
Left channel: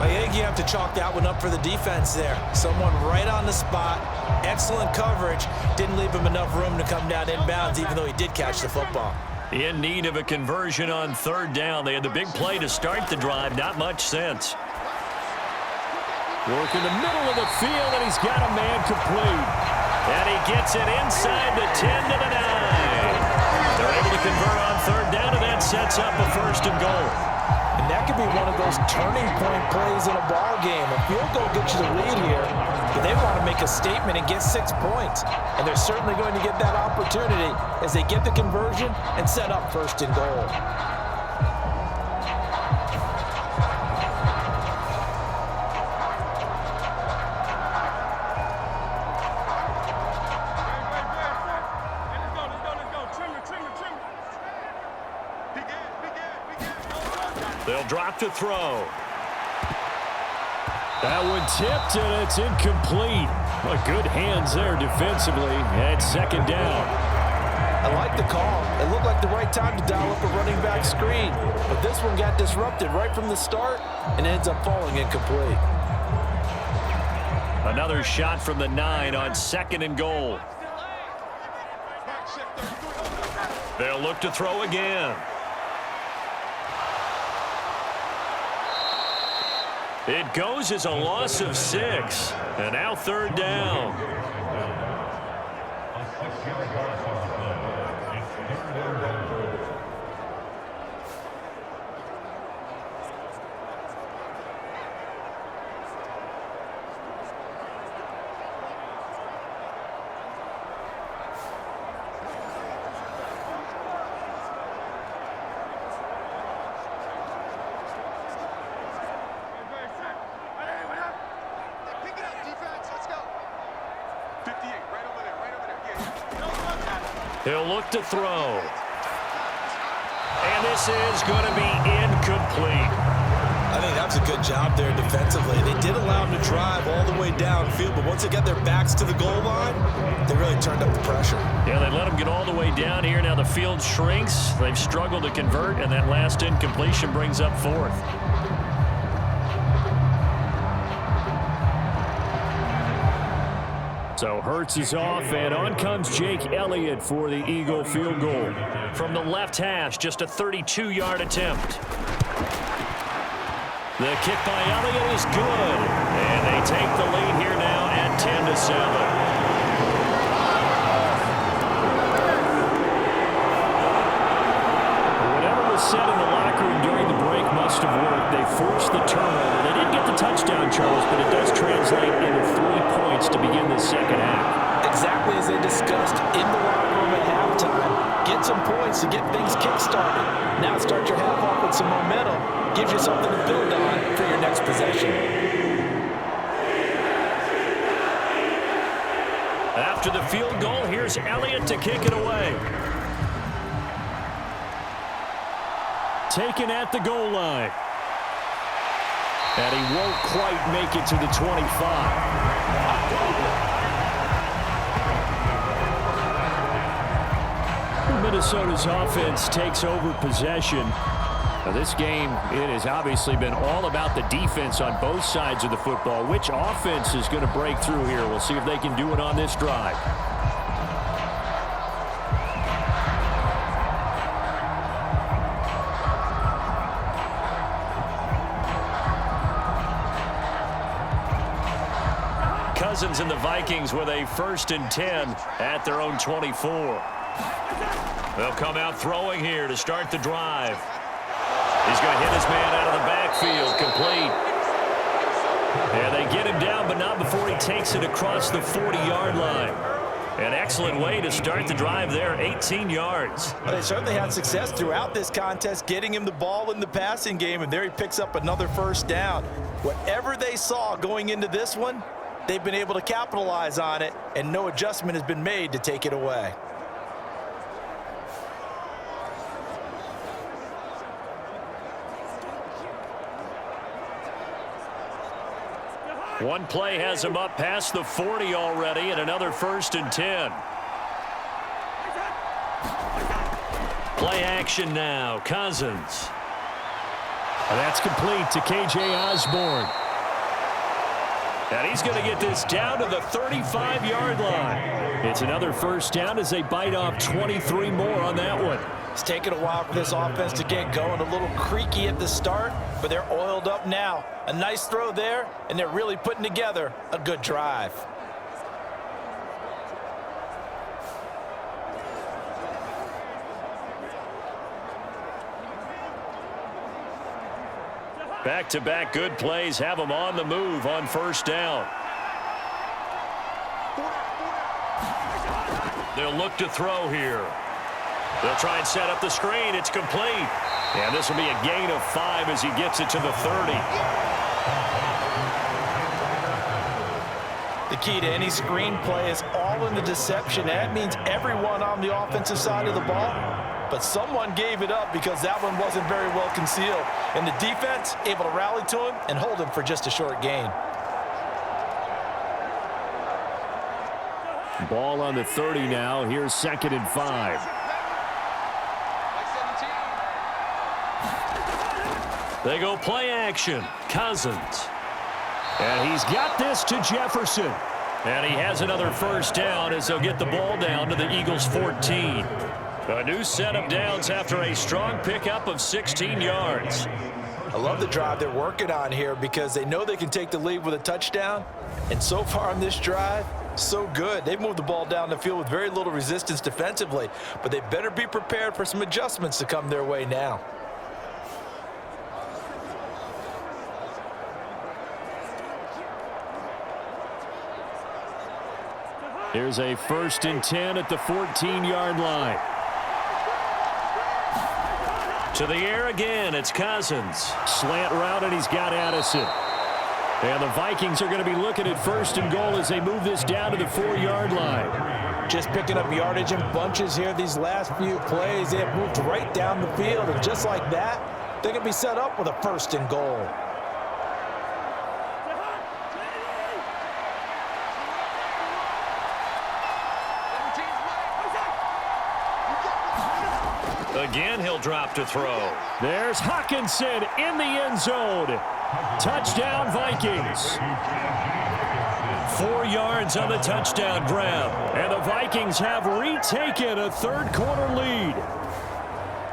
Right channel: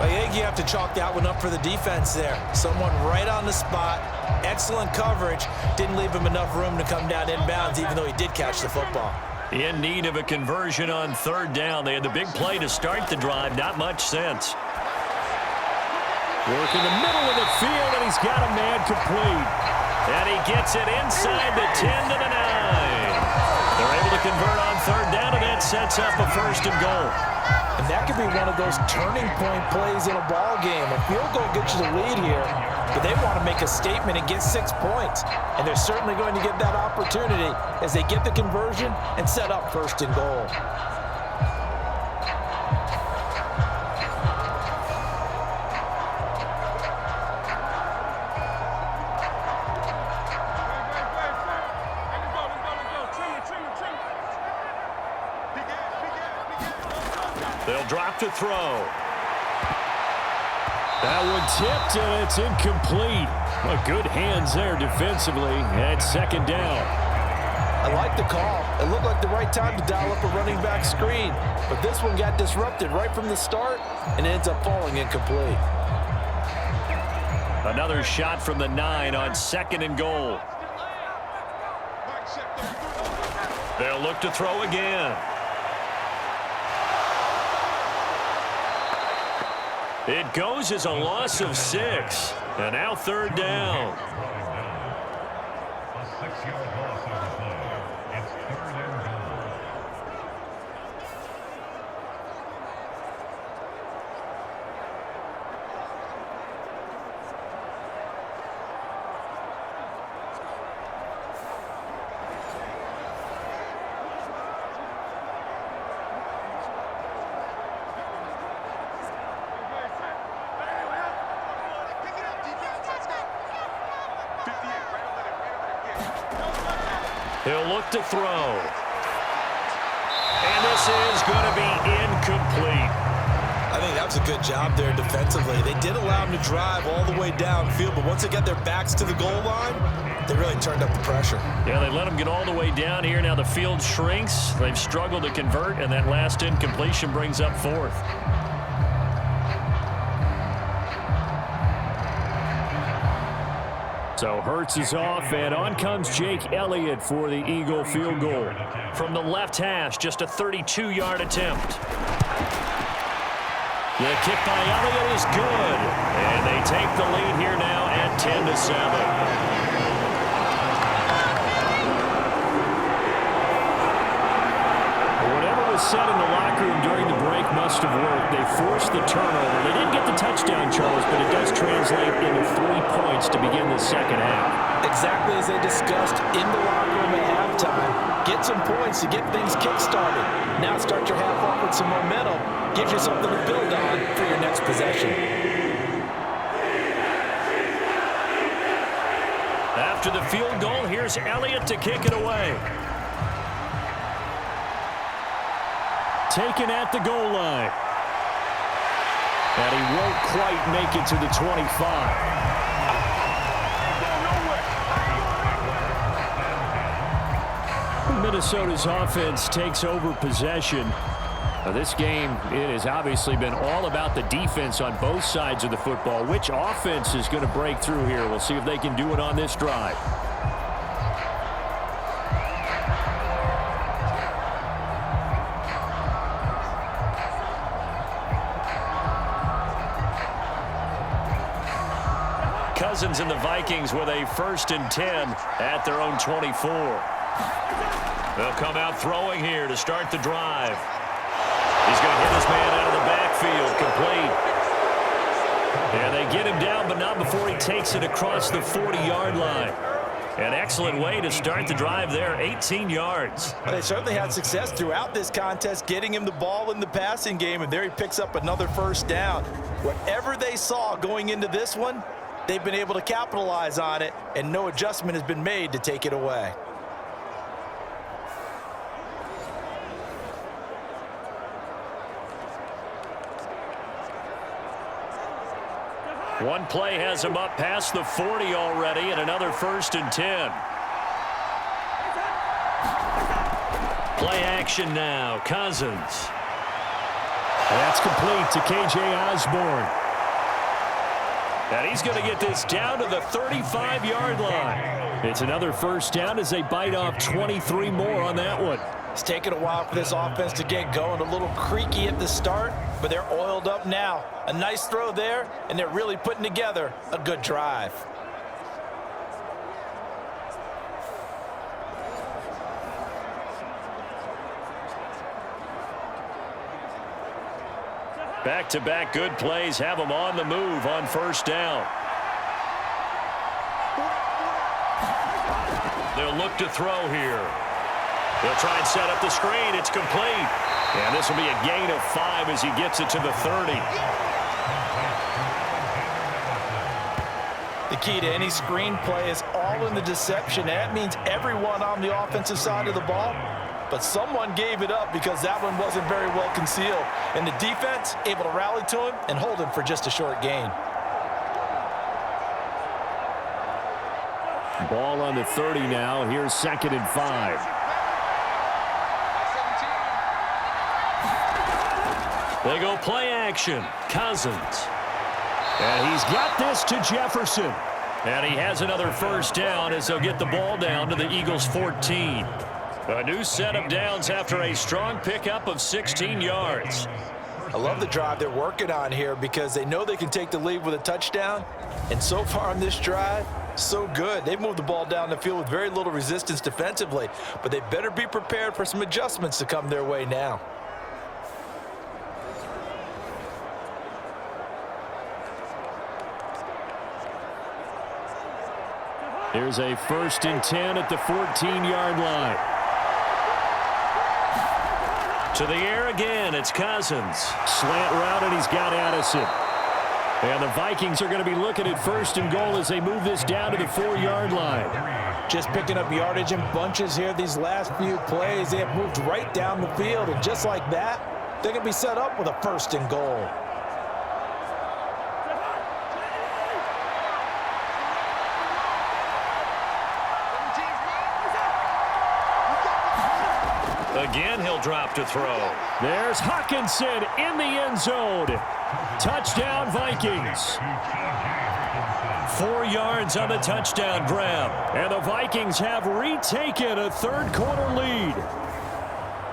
I think you have to chalk that one up for the defense there. Someone right on the spot, excellent coverage, didn't leave him enough room to come down inbounds, even though he did catch the football. In need of a conversion on 3rd down. They had the big play to start the drive, not much sense. Work in the middle of the field, and he's got a man complete. And he gets it inside the 10 to the 9. They're able to convert on 3rd down, and that sets up a 1st and goal. And that could be one of those turning point plays in a ball game. A field goal gets you the lead here, but they want to make a statement and get 6 points. And they're certainly going to get that opportunity as they get the conversion and set up 1st and goal. They'll drop to throw. That one tipped, and it's incomplete. Well, good hands there defensively. And 2nd down. I like the call. It looked like the right time to dial up a running back screen. But this one got disrupted right from the start and ends up falling incomplete. Another shot from the 9 on 2nd and goal. They'll look to throw again. It goes as a loss of 6. And now 3rd down. A 6-yard loss on the play. It's 3rd and goal. He'll look to throw. And this is going to be incomplete. I think that was a good job there defensively. They did allow him to drive all the way downfield, but once they got their backs to the goal line, they really turned up the pressure. Yeah, they let him get all the way down here. Now the field shrinks. They've struggled to convert, and that last incompletion brings up 4th. So Hurts is off, and on comes Jake Elliott for the Eagle field goal. From the left hash, just a 32-yard attempt. The kick by Elliott is good, and they take the lead here now at 10-7. Whatever was said in the locker room during the break must have worked. They forced the turnover. They didn't get the touchdown, Charles, but it does translate into 3 points to begin the second half. Exactly as they discussed in the locker room at halftime. Get some points to get things kick-started. Now start your half off with some momentum. Gives you something to build on for your next possession. After the field goal, here's Elliott to kick it away. Taken at the goal line. And he won't quite make it to the 25. Minnesota's offense takes over possession. Now this game, it has obviously been all about the defense on both sides of the football. Which offense is going to break through here? We'll see if they can do it on this drive. Cousins and the Vikings with a 1st and 10 at their own 24. They'll come out throwing here to start the drive. He's going to hit his man out of the backfield, complete. And they get him down, but not before he takes it across the 40-yard line. An excellent way to start the drive there, 18 yards. Well, they certainly had success throughout this contest, getting him the ball in the passing game, and there he picks up another 1st down. Whatever they saw going into this one, they've been able to capitalize on it, and no adjustment has been made to take it away. One play has him up past the 40 already, and another 1st and 10. Play action now, Cousins. And that's complete to K.J. Osborne. And he's going to get this down to the 35-yard line. It's another 1st down as they bite off 23 more on that one. It's taken a while for this offense to get going. A little creaky at the start, but they're oiled up now. A nice throw there, and they're really putting together a good drive. Back-to-back good plays have them on the move on 1st down. They'll look to throw here. They'll try and set up the screen. It's complete. And this will be a gain of 5 as he gets it to the 30. The key to any screen play is all in the deception. That means everyone on the offensive side of the ball. But someone gave it up because that one wasn't very well concealed. And the defense able to rally to him and hold him for just a short gain. Ball on the 30 now. Here's 2nd and 5. They go play action. Cousins. And he's got this to Jefferson. And he has another 1st down as they'll get the ball down to the Eagles' 14. A new set of downs after a strong pickup of 16 yards. I love the drive they're working on here because they know they can take the lead with a touchdown. And so far on this drive, so good. They've moved the ball down the field with very little resistance defensively, but they better be prepared for some adjustments to come their way now. Here's a 1st and 10 at the 14-yard line. To the air again, it's Cousins. Slant route, and he's got Addison. And the Vikings are going to be looking at 1st and goal as they move this down to the 4-yard line. Just picking up yardage in bunches here these last few plays. They have moved right down the field, and just like that, they're going to be set up with a 1st and goal. Again, he'll drop to throw. There's Hawkinson in the end zone. Touchdown, Vikings. 4 yards on the touchdown grab. And the Vikings have retaken a 3rd-quarter lead.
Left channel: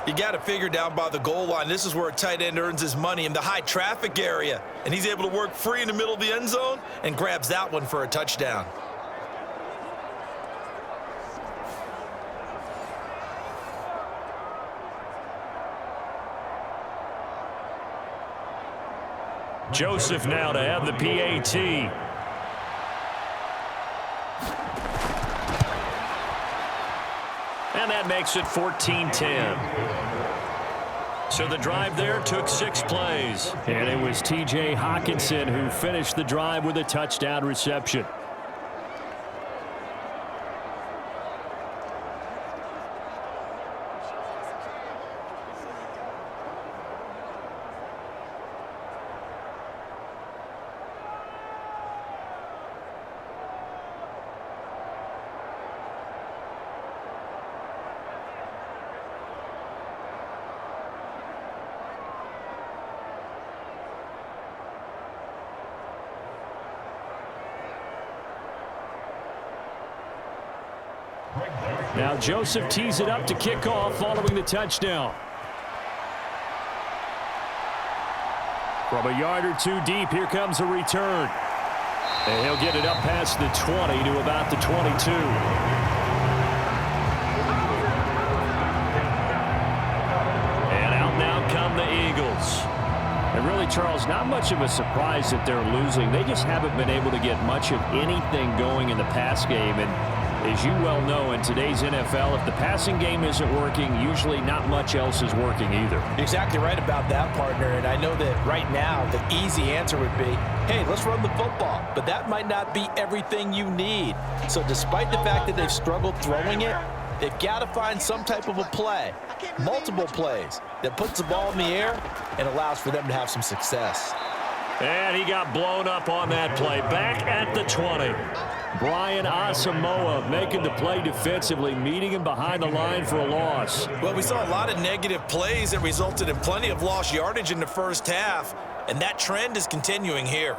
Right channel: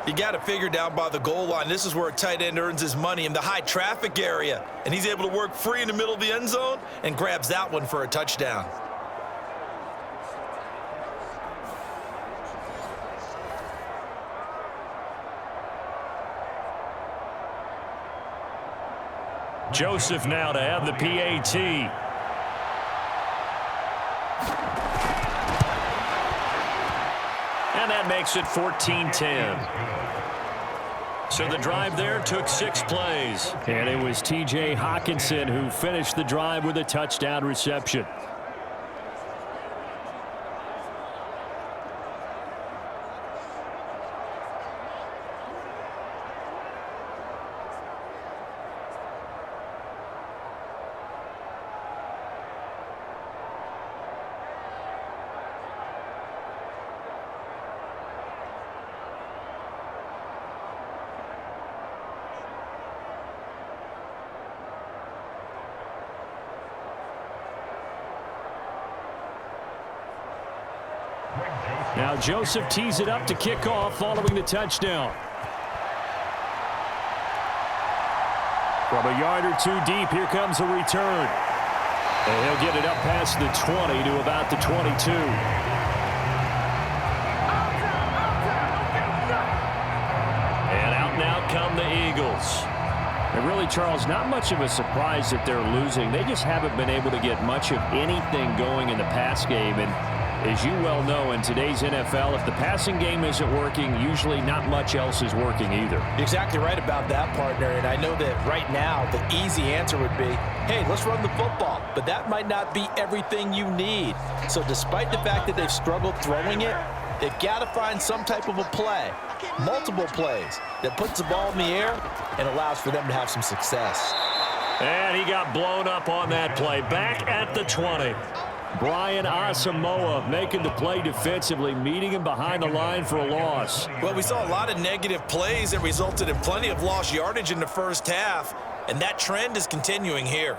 You got to figure down by the goal line. This is where a tight end earns his money, in the high traffic area. And he's able to work free in the middle of the end zone and grabs that one for a touchdown. Joseph now to have the PAT. And that makes it 14-10. So the drive there took 6 plays. And it was T.J. Hawkinson who finished the drive with a touchdown reception. Now Joseph tees it up to kick off following the touchdown. From a yard or two deep, here comes a return. And he'll get it up past the 20 to about the 22. And out now come the Eagles. And really, Charles, not much of a surprise that they're losing. They just haven't been able to get much of anything going in the pass game. And as you well know, in today's NFL, if the passing game isn't working, usually not much else is working either. You're exactly right about that, partner. And I know that right now the easy answer would be, hey, let's run the football. But that might not be everything you need. So despite the fact that they've struggled throwing it, they've got to find some type of a play, multiple plays, that puts the ball in the air and allows for them to have some success. And he got blown up on that play. Back at the 20. Brian Asamoah making the play defensively, meeting him behind the line for a loss. Well, we saw a lot of negative plays that resulted in plenty of lost yardage in the first half, and that trend is continuing here.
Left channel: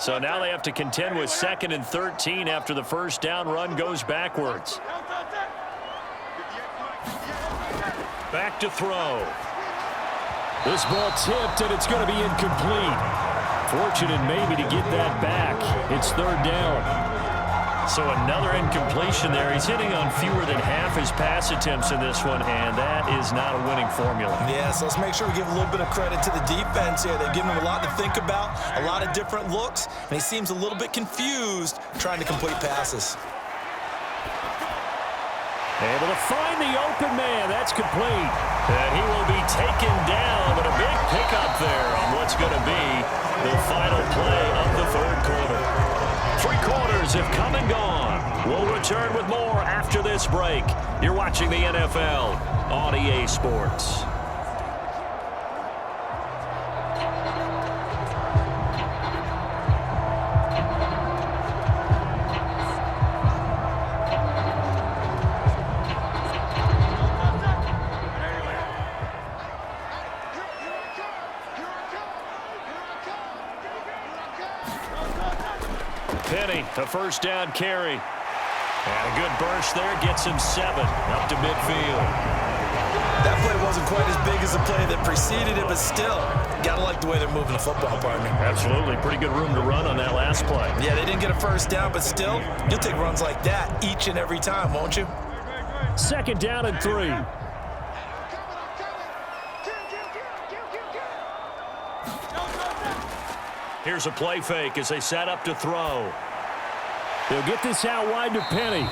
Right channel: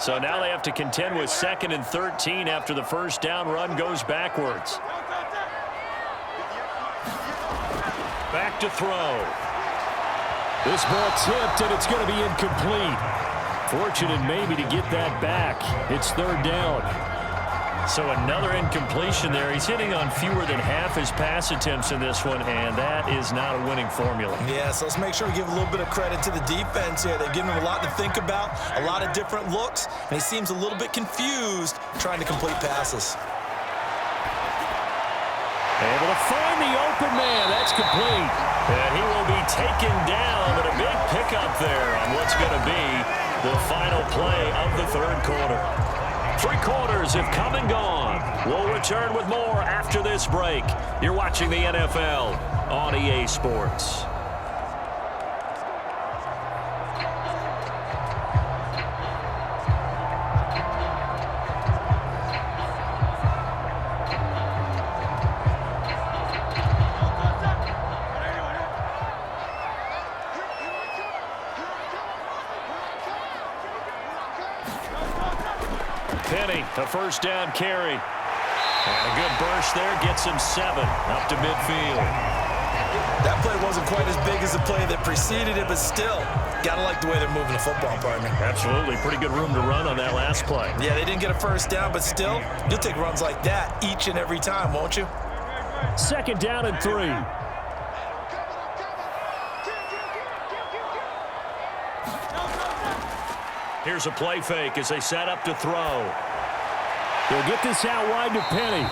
So now they have to contend with 2nd and 13 after the first down run goes backwards. Back to throw. This ball tipped, and it's going to be incomplete. Fortunate maybe to get that back. It's 3rd down. So another incompletion there. He's hitting on fewer than half his pass attempts in this one, and that is not a winning formula. Yeah, so let's make sure we give a little bit of credit to the defense here. They've given him a lot to think about, a lot of different looks, and he seems a little bit confused trying to complete passes. Able to find the open man. That's complete. And he will be taken down, but a big pickup there on what's going to be the final play of the 3rd quarter. 3 quarters have come and gone. We'll return with more after this break. You're watching the NFL on EA Sports. A first down carry. And a good burst there gets him 7 up to midfield. That play wasn't quite as big as the play that preceded it, but still, got to like the way they're moving the football, partner. Absolutely. Pretty good room to run on that last play. Yeah, they didn't get a first down, but still, you'll take runs like that each and every time, won't you? 2nd down and 3. Here's a play fake as they set up to throw. They'll get this out wide to Penny.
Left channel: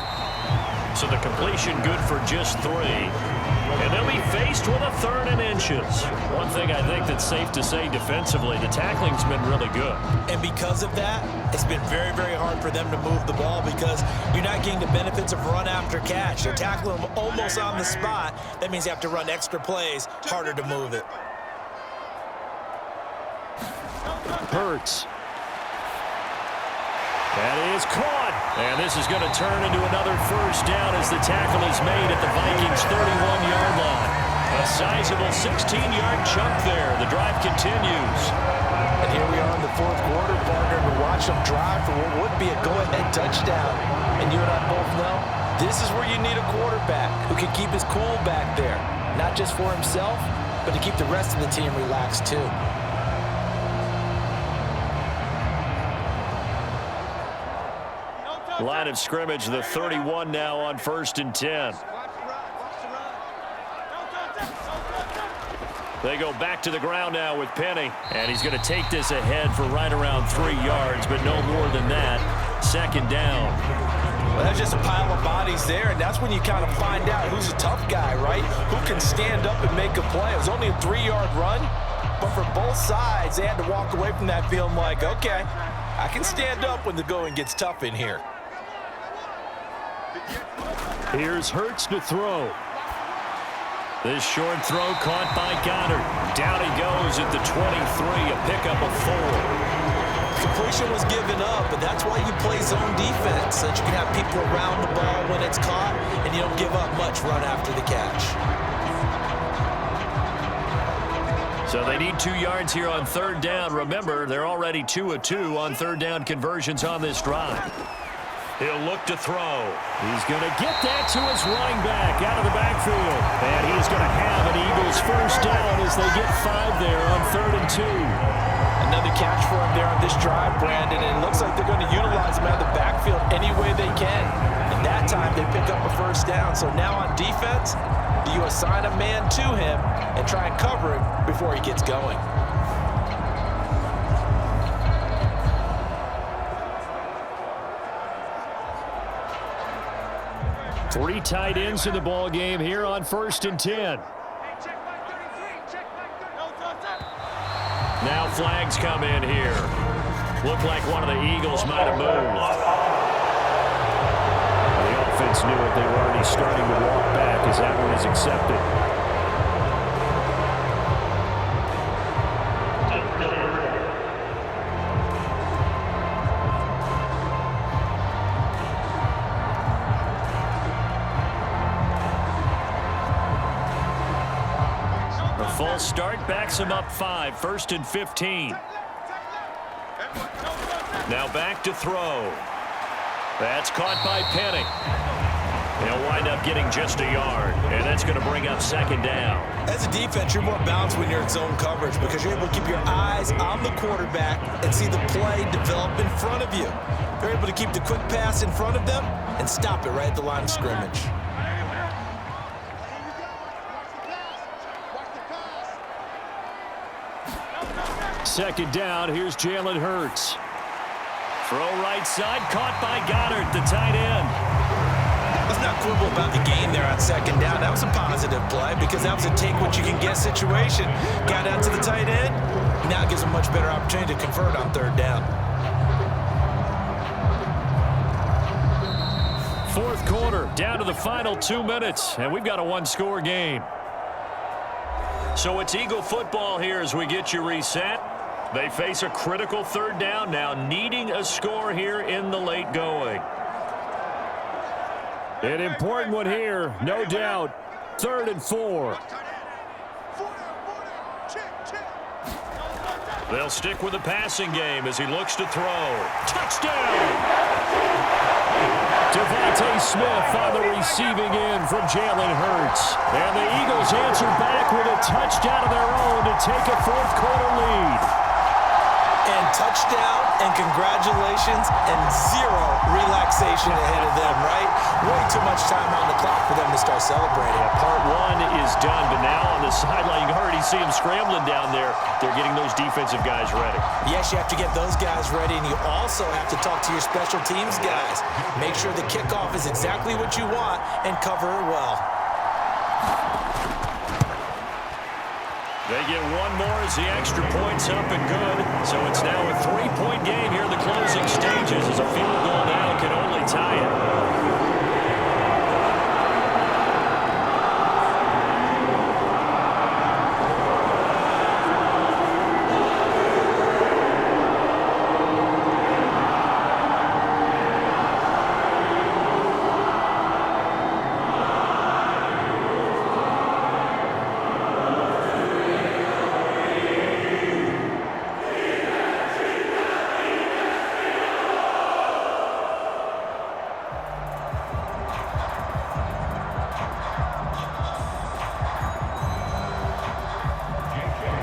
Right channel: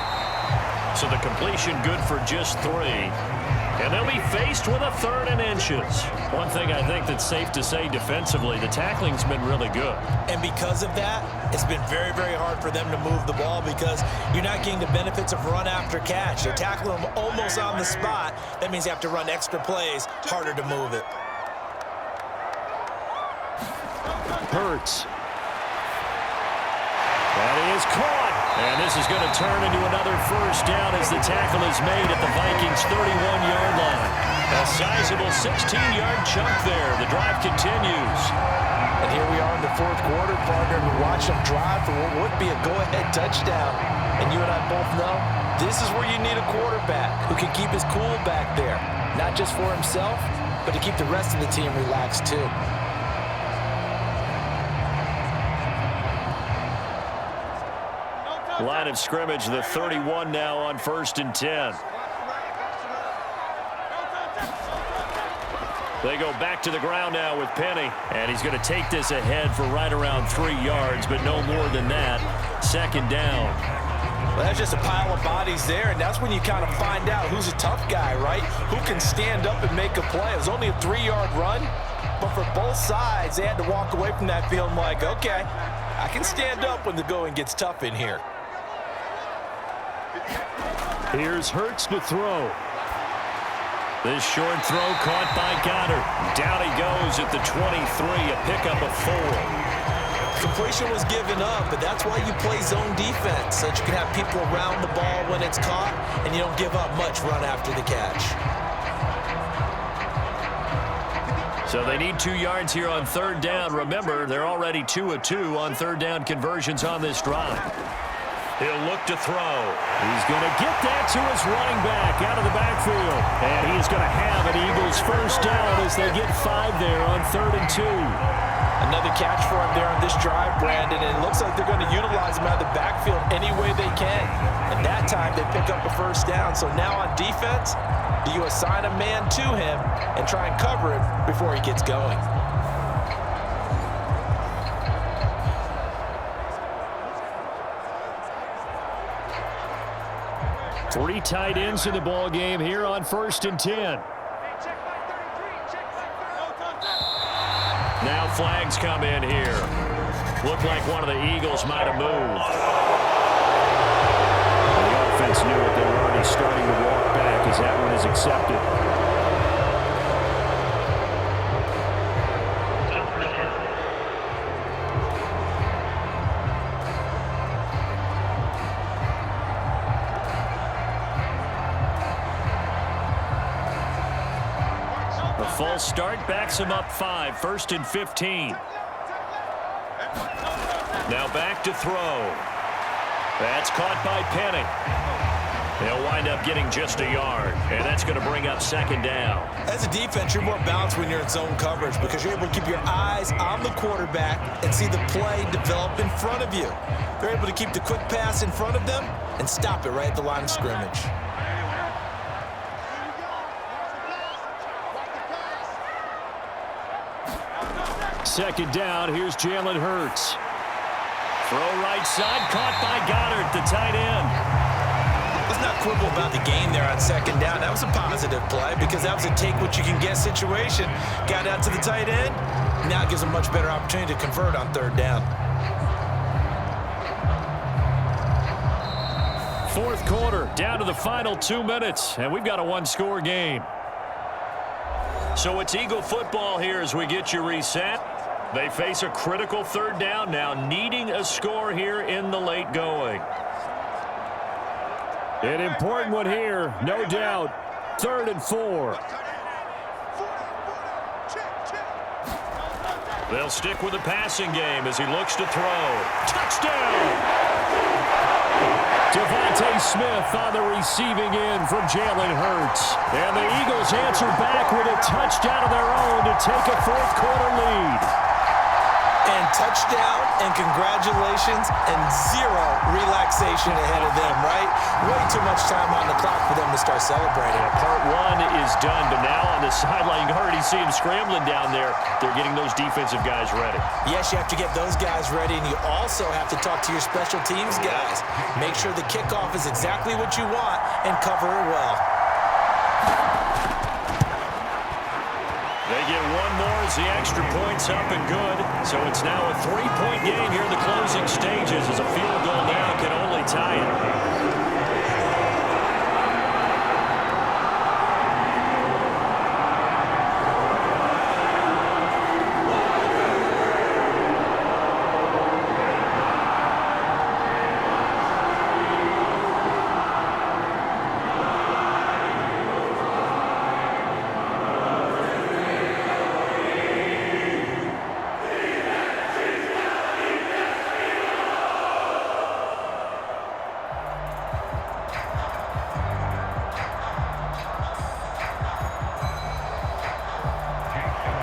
So the completion good for just 3. And they'll be faced with a 3rd and inches. One thing I think that's safe to say defensively, the tackling's been really good. And because of that, it's been very, very hard for them to move the ball because you're not getting the benefits of run after catch. They're tackling them almost on the spot. That means you have to run extra plays, harder to move it. Hurts. That is caught. And this is going to turn into another first down as the tackle is made at the Vikings' 31-yard line. A sizable 16-yard chunk there. The drive continues. And here we are in the 4th quarter, partner, and watch them drive for what would be a go-ahead touchdown. And you and I both know this is where you need a quarterback who can keep his cool back there. Not just for himself, but to keep the rest of the team relaxed too. Line of scrimmage, the 31 now on 1st and 10. They go back to the ground now with Penny. And he's going to take this ahead for right around 3 yards, but no more than that. 2nd down. Well, that's just a pile of bodies there, and that's when you kind of find out who's a tough guy, right? Who can stand up and make a play. It was only a 3-yard run, but for both sides, they had to walk away from that feeling like, okay, I can stand up when the going gets tough in here. Here's Hurts to throw. This short throw caught by Goddard. Down he goes at the 23, a pickup of 4. Completion was given up, but that's why you play zone defense, so that you can have people around the ball when it's caught, and you don't give up much run after the catch. So they need 2 yards here on 3rd down. Remember, they're already 2 of 2 on 3rd down conversions on this drive. He'll look to throw. He's going to get that to his running back out of the backfield. And he is going to have an Eagles 1st down as they get 5 there on 3rd and 2. Another catch for him there on this drive, Brandon, and it looks like they're going to utilize him out of the backfield any way they can. And that time they pick up a 1st down. So now on defense, do you assign a man to him and try and cover him before he gets going? Three tight ends in the ball game here on 1st and 10. Now flags come in here. Looked like one of the Eagles might have moved. The offense knew it. They were already starting to walk back as that one is accepted. A false start backs him up 5, 1st and 15. Now back to throw. That's caught by Penny. They'll wind up getting just a yard, and that's going to bring up 2nd down. As a defense, you're more balanced when you're in zone coverage because you're able to keep your eyes on the quarterback and see the play develop in front of you. They're able to keep the quick pass in front of them and stop it right at the line of scrimmage. Second down, here's Jalen Hurts. Throw right side, caught by Goddard, the tight end. Let's not quibble about the game there on 2nd down. That was a positive play because that was a take-what-you-can-get situation. Got out to the tight end. Now it gives them a much better opportunity to convert on 3rd down. 4th quarter, down to the final 2 minutes, and we've got a 1-score game. So it's Eagle football here as we get you reset. They face a critical 3rd down now, needing a score here in the late going. An important one here, no doubt. 3rd and 4. They'll stick with the passing game as he looks to throw. Touchdown! Devontae Smith on the receiving end from Jalen Hurts. And the Eagles answer back with a touchdown of their own to take a 4th quarter lead. And touchdown and congratulations and 0 relaxation ahead of them, right? Way too much time on the clock for them to start celebrating. Yeah, part 1 is done, but now on the sideline, you already see them scrambling down there. They're getting those defensive guys ready. Yes, you have to get those guys ready, and you also have to talk to your special teams guys. Make sure the kickoff is exactly what you want and cover it well. They get one more as the extra point's up and good. So it's now a 3-point game here in the closing stages as a field goal now can only tie it.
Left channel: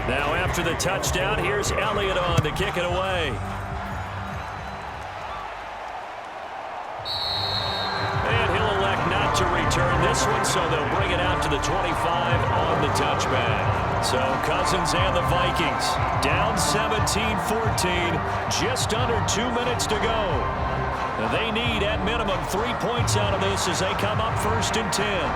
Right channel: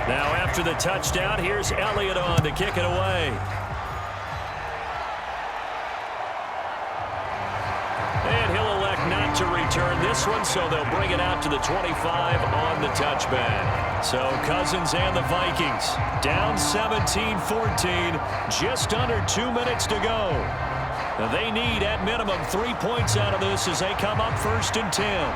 Now after the touchdown, here's Elliott on to kick it away. to return this one, so they'll bring it out to the 25 on the touchback. So Cousins and the Vikings down 17-14, just under 2 minutes to go. They need, at minimum, 3 points out of this as they come up 1st and 10.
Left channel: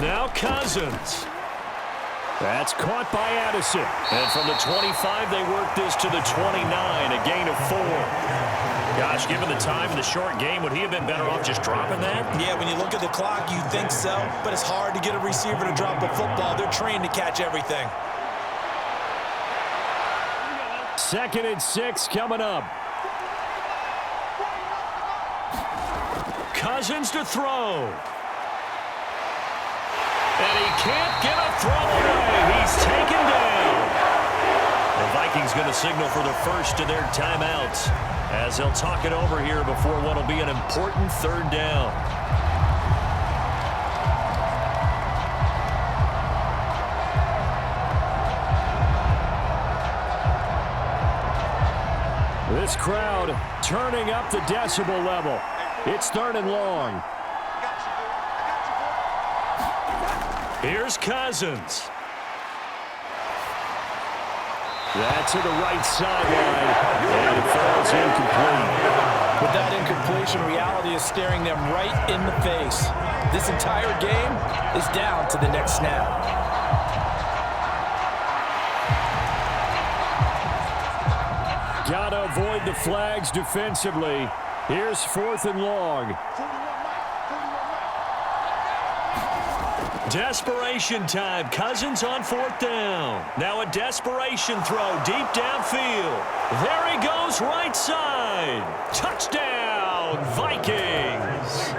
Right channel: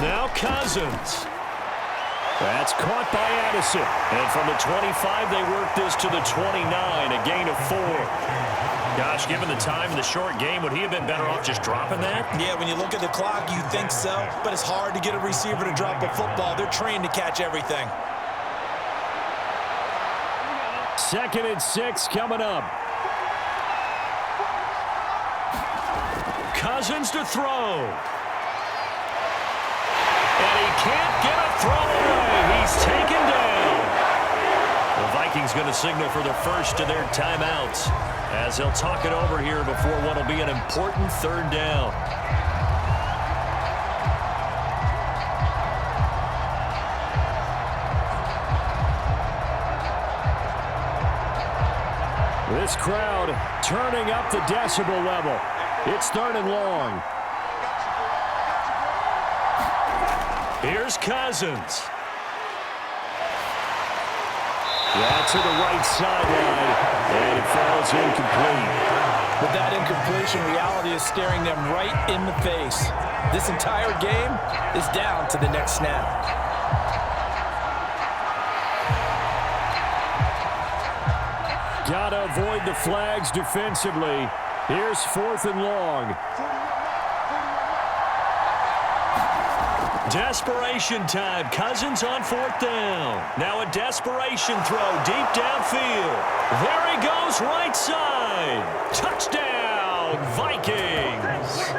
Now Cousins. That's caught by Addison. And from the 25, they work this to the 29, a gain of 4. Gosh, given the time in the short game, would he have been better off just dropping that? Yeah, when you look at the clock, you think so. But it's hard to get a receiver to drop a football. They're trained to catch everything. 2nd and 6 coming up. Cousins to throw. And he can't get a throw away. He's taken down. The Vikings going to signal for the first of their timeouts as they'll talk it over here before what will be an important 3rd down. This crowd turning up the decibel level. It's 3rd and long. Here's Cousins. That's to the right sideline, and it falls incomplete. With that incompletion, reality is staring them right in the face. This entire game is down to the next snap. Gotta avoid the flags defensively. Here's 4th and long. Desperation time. Cousins on 4th down. Now a desperation throw deep downfield. There he goes, right side. Touchdown, Vikings.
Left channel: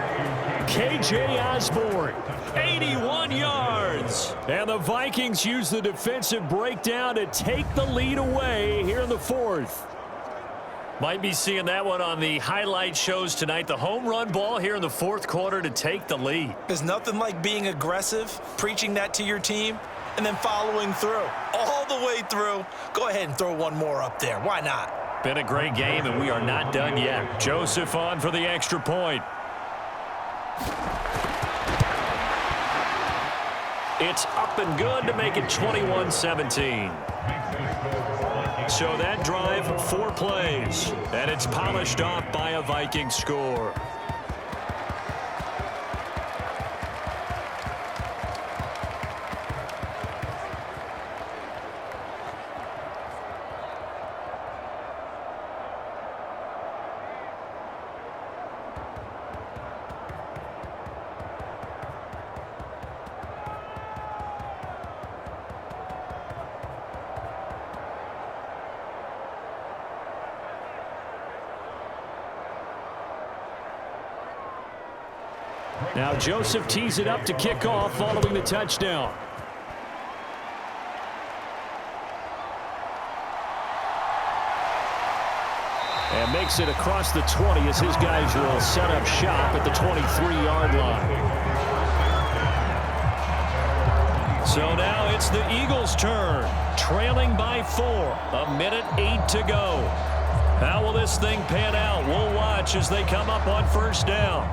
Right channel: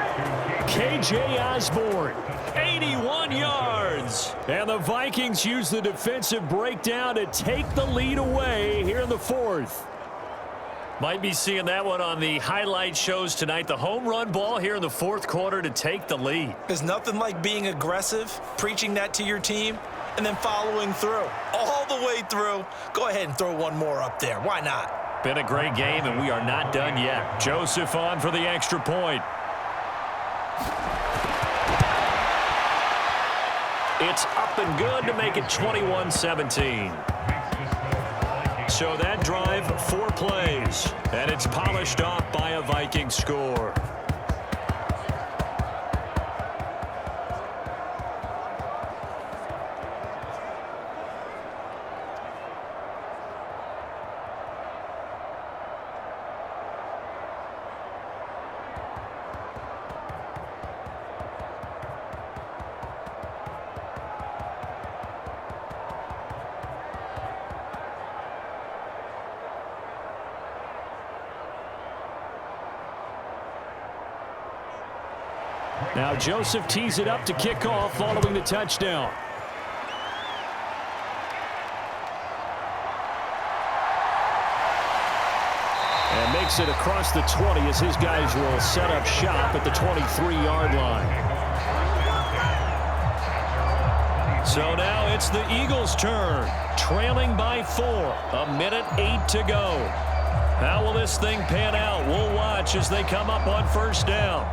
KJ Osborne, 81 yards. And the Vikings use the defensive breakdown to take the lead away here in the 4th. Might be seeing that one on the highlight shows tonight. The home run ball here in the 4th quarter to take the lead. There's nothing like being aggressive, preaching that to your team, and then following through. All the way through. Go ahead and throw one more up there. Why not? Been a great game, and we are not done yet. Joseph on for the extra point. It's up and good to make it 21-17. So that drive, 4 plays, and it's polished off by a Viking score. Now Joseph tees it up to kick off following the touchdown. And makes it across the 20 as his guys will set up shop at the 23-yard line. So now it's the Eagles' turn, trailing by 4, 1:08 to go. How will this thing pan out? We'll watch as they come up on 1st down.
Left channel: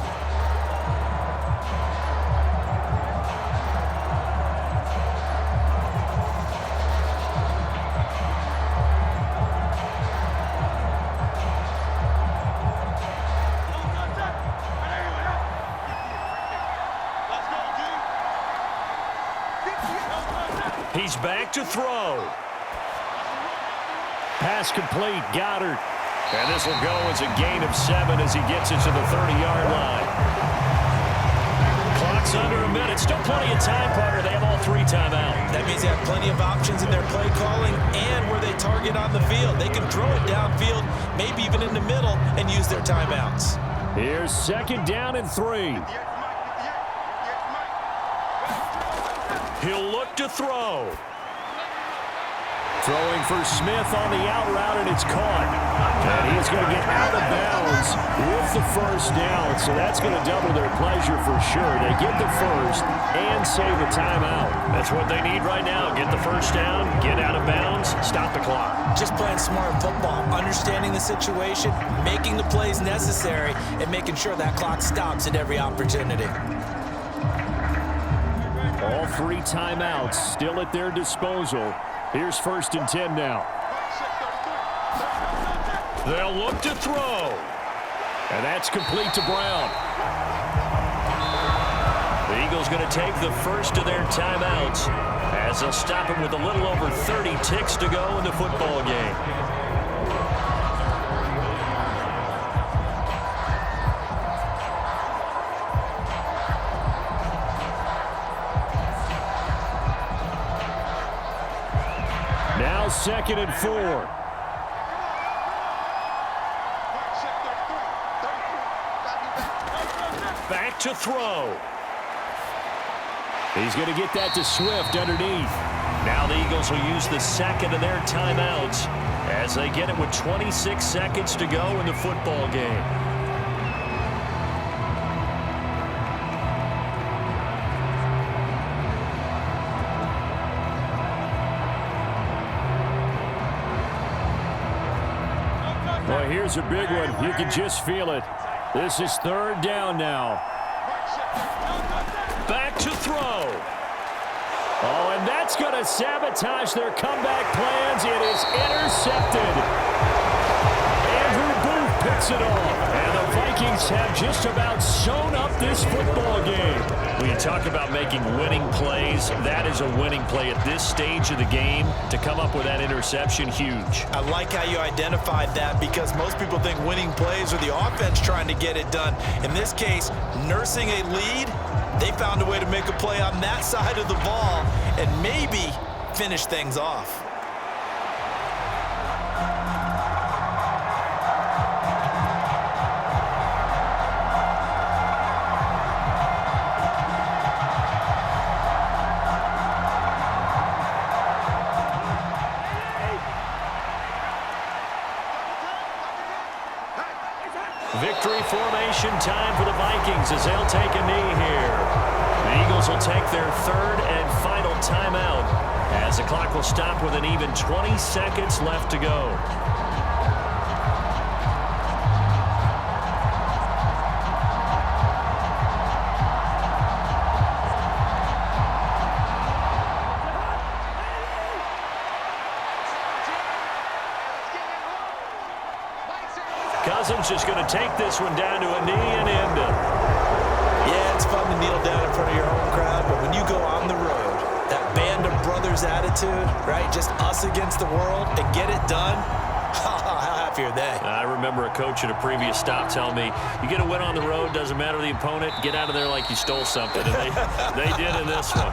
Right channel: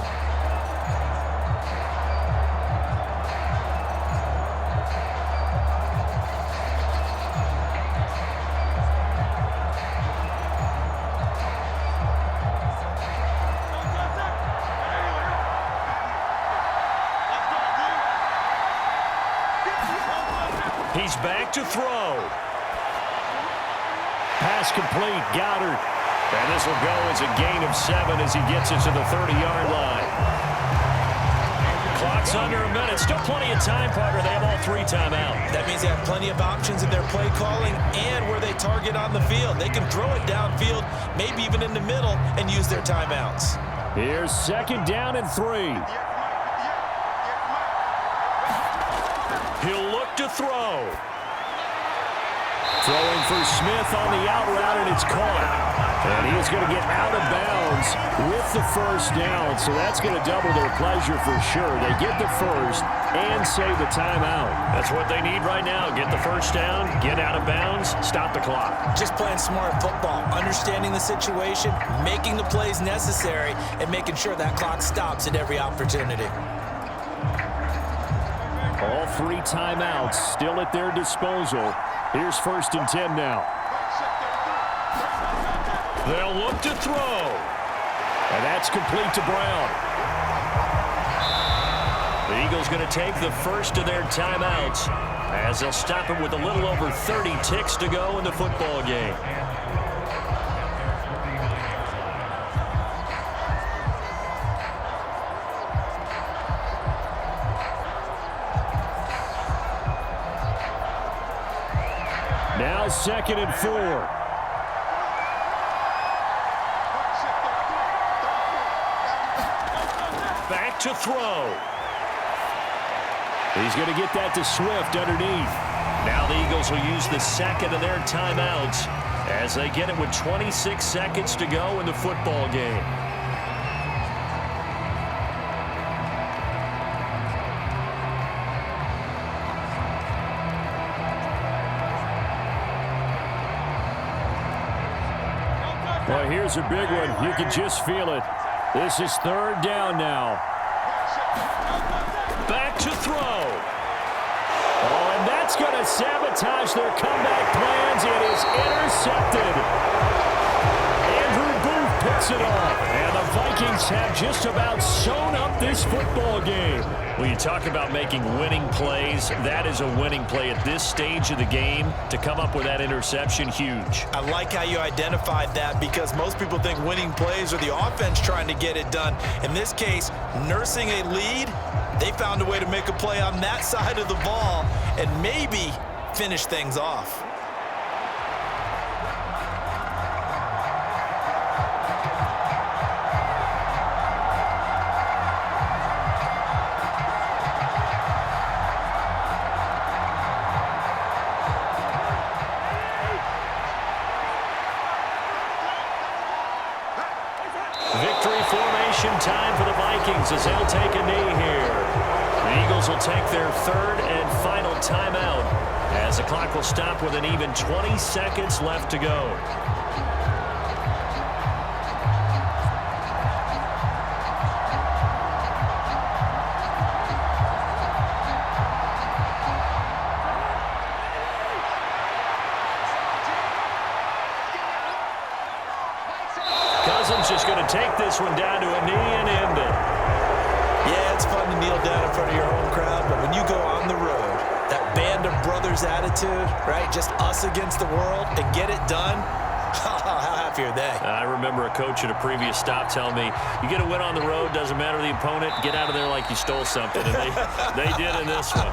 He's back to throw. Pass complete, Goddard. And this will go as a gain of 7 as he gets it to the 30-yard line. Clock's under a minute. Still plenty of time, partner. They have all 3 timeouts. That means they have plenty of options in their play calling and where they target on the field. They can throw it downfield, maybe even in the middle, and use their timeouts. Here's 2nd down and 3. He'll look to throw. Throwing for Smith on the out route, and it's caught. And he's going to get out of bounds with the first down, so that's going to double their pleasure for sure. They get the first and save a timeout. That's what they need right now. Get the first down, get out of bounds, stop the clock. Just playing smart football, understanding the situation, making the plays necessary, and making sure that clock stops at every opportunity. All 3 timeouts still at their disposal. Here's 1st and 10 now. They'll look to throw. And that's complete to Brown. The Eagles going to take the first of their timeouts as they'll stop it with a little over 30 ticks to go in the football game. Now 2nd and 4. Back to throw. He's going to get that to Swift underneath. Now the Eagles will use the 2nd of their timeouts as they get it with 26 seconds to go in the football game. Well, here's a big one. You can just feel it. This is 3rd down now. Back to throw. Oh, and that's going to sabotage their comeback plans. It is intercepted. Andrew Booth picks it off. And the Vikings have just about sewn up this football game. When you talk about making winning plays, that is a winning play at this stage of the game. To come up with that interception, huge. I like how you identified that because most people think winning plays are the offense trying to get it done. In this case, nursing a lead, they found a way to make a play on that side of the ball and maybe finish things off. Victory formation time for the Vikings as they'll take a knee here. The Eagles will take their 3rd and final timeout as the clock will stop with an even 20 seconds left to go. Cousins just going to take this one down to a knee and end it. Yeah, it's fun to kneel down in front of your home crowd, but when you go on the road, that band of brothers attitude, right, just us against the world, and get it done, how happy are they? I remember a coach at a previous stop telling me, you get a win on the road, doesn't matter the opponent, get out of there like you stole something, and they did in this one.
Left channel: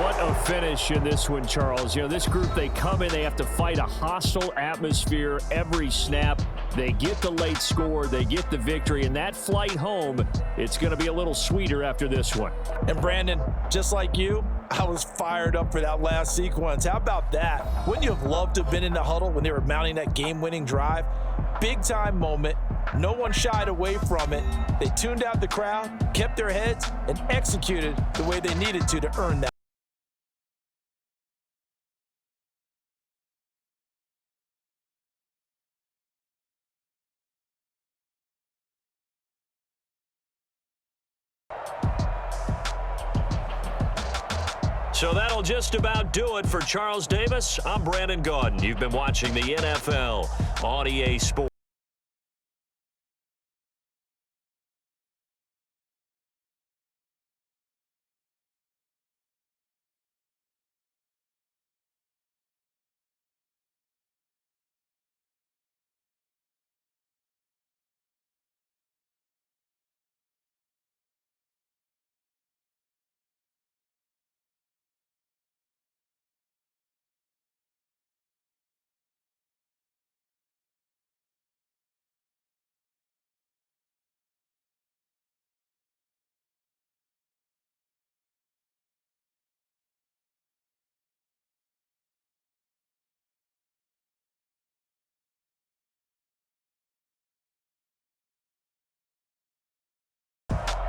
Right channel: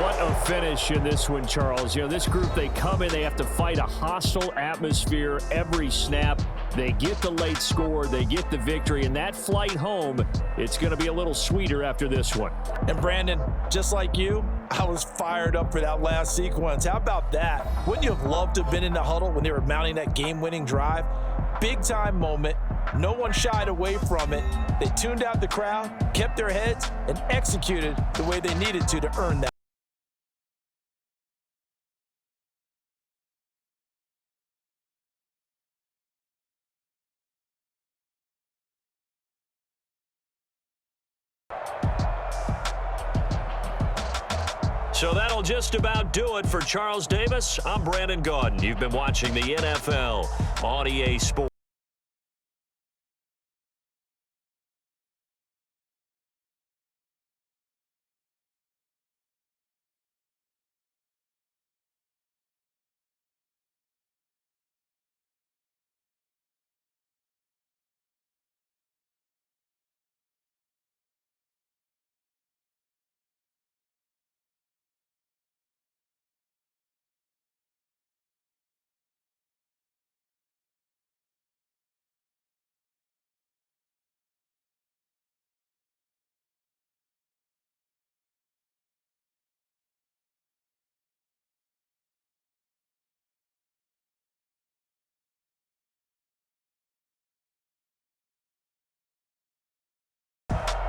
What a finish in this one, Charles. You know, this group, they come in, they have to fight a hostile atmosphere every snap. They get the late score, they get the victory, and that flight home, it's going to be a little sweeter after this one. And Brandon, just like you, I was fired up for that last sequence. How about that? Wouldn't you have loved to have been in the huddle when they were mounting that game-winning drive? Big-time moment. No one shied away from it. They tuned out the crowd, kept their heads, and executed the way they needed to earn that. So that'll just about do it for Charles Davis. I'm Brandon Gaudin. You've been watching the NFL on EA Sports.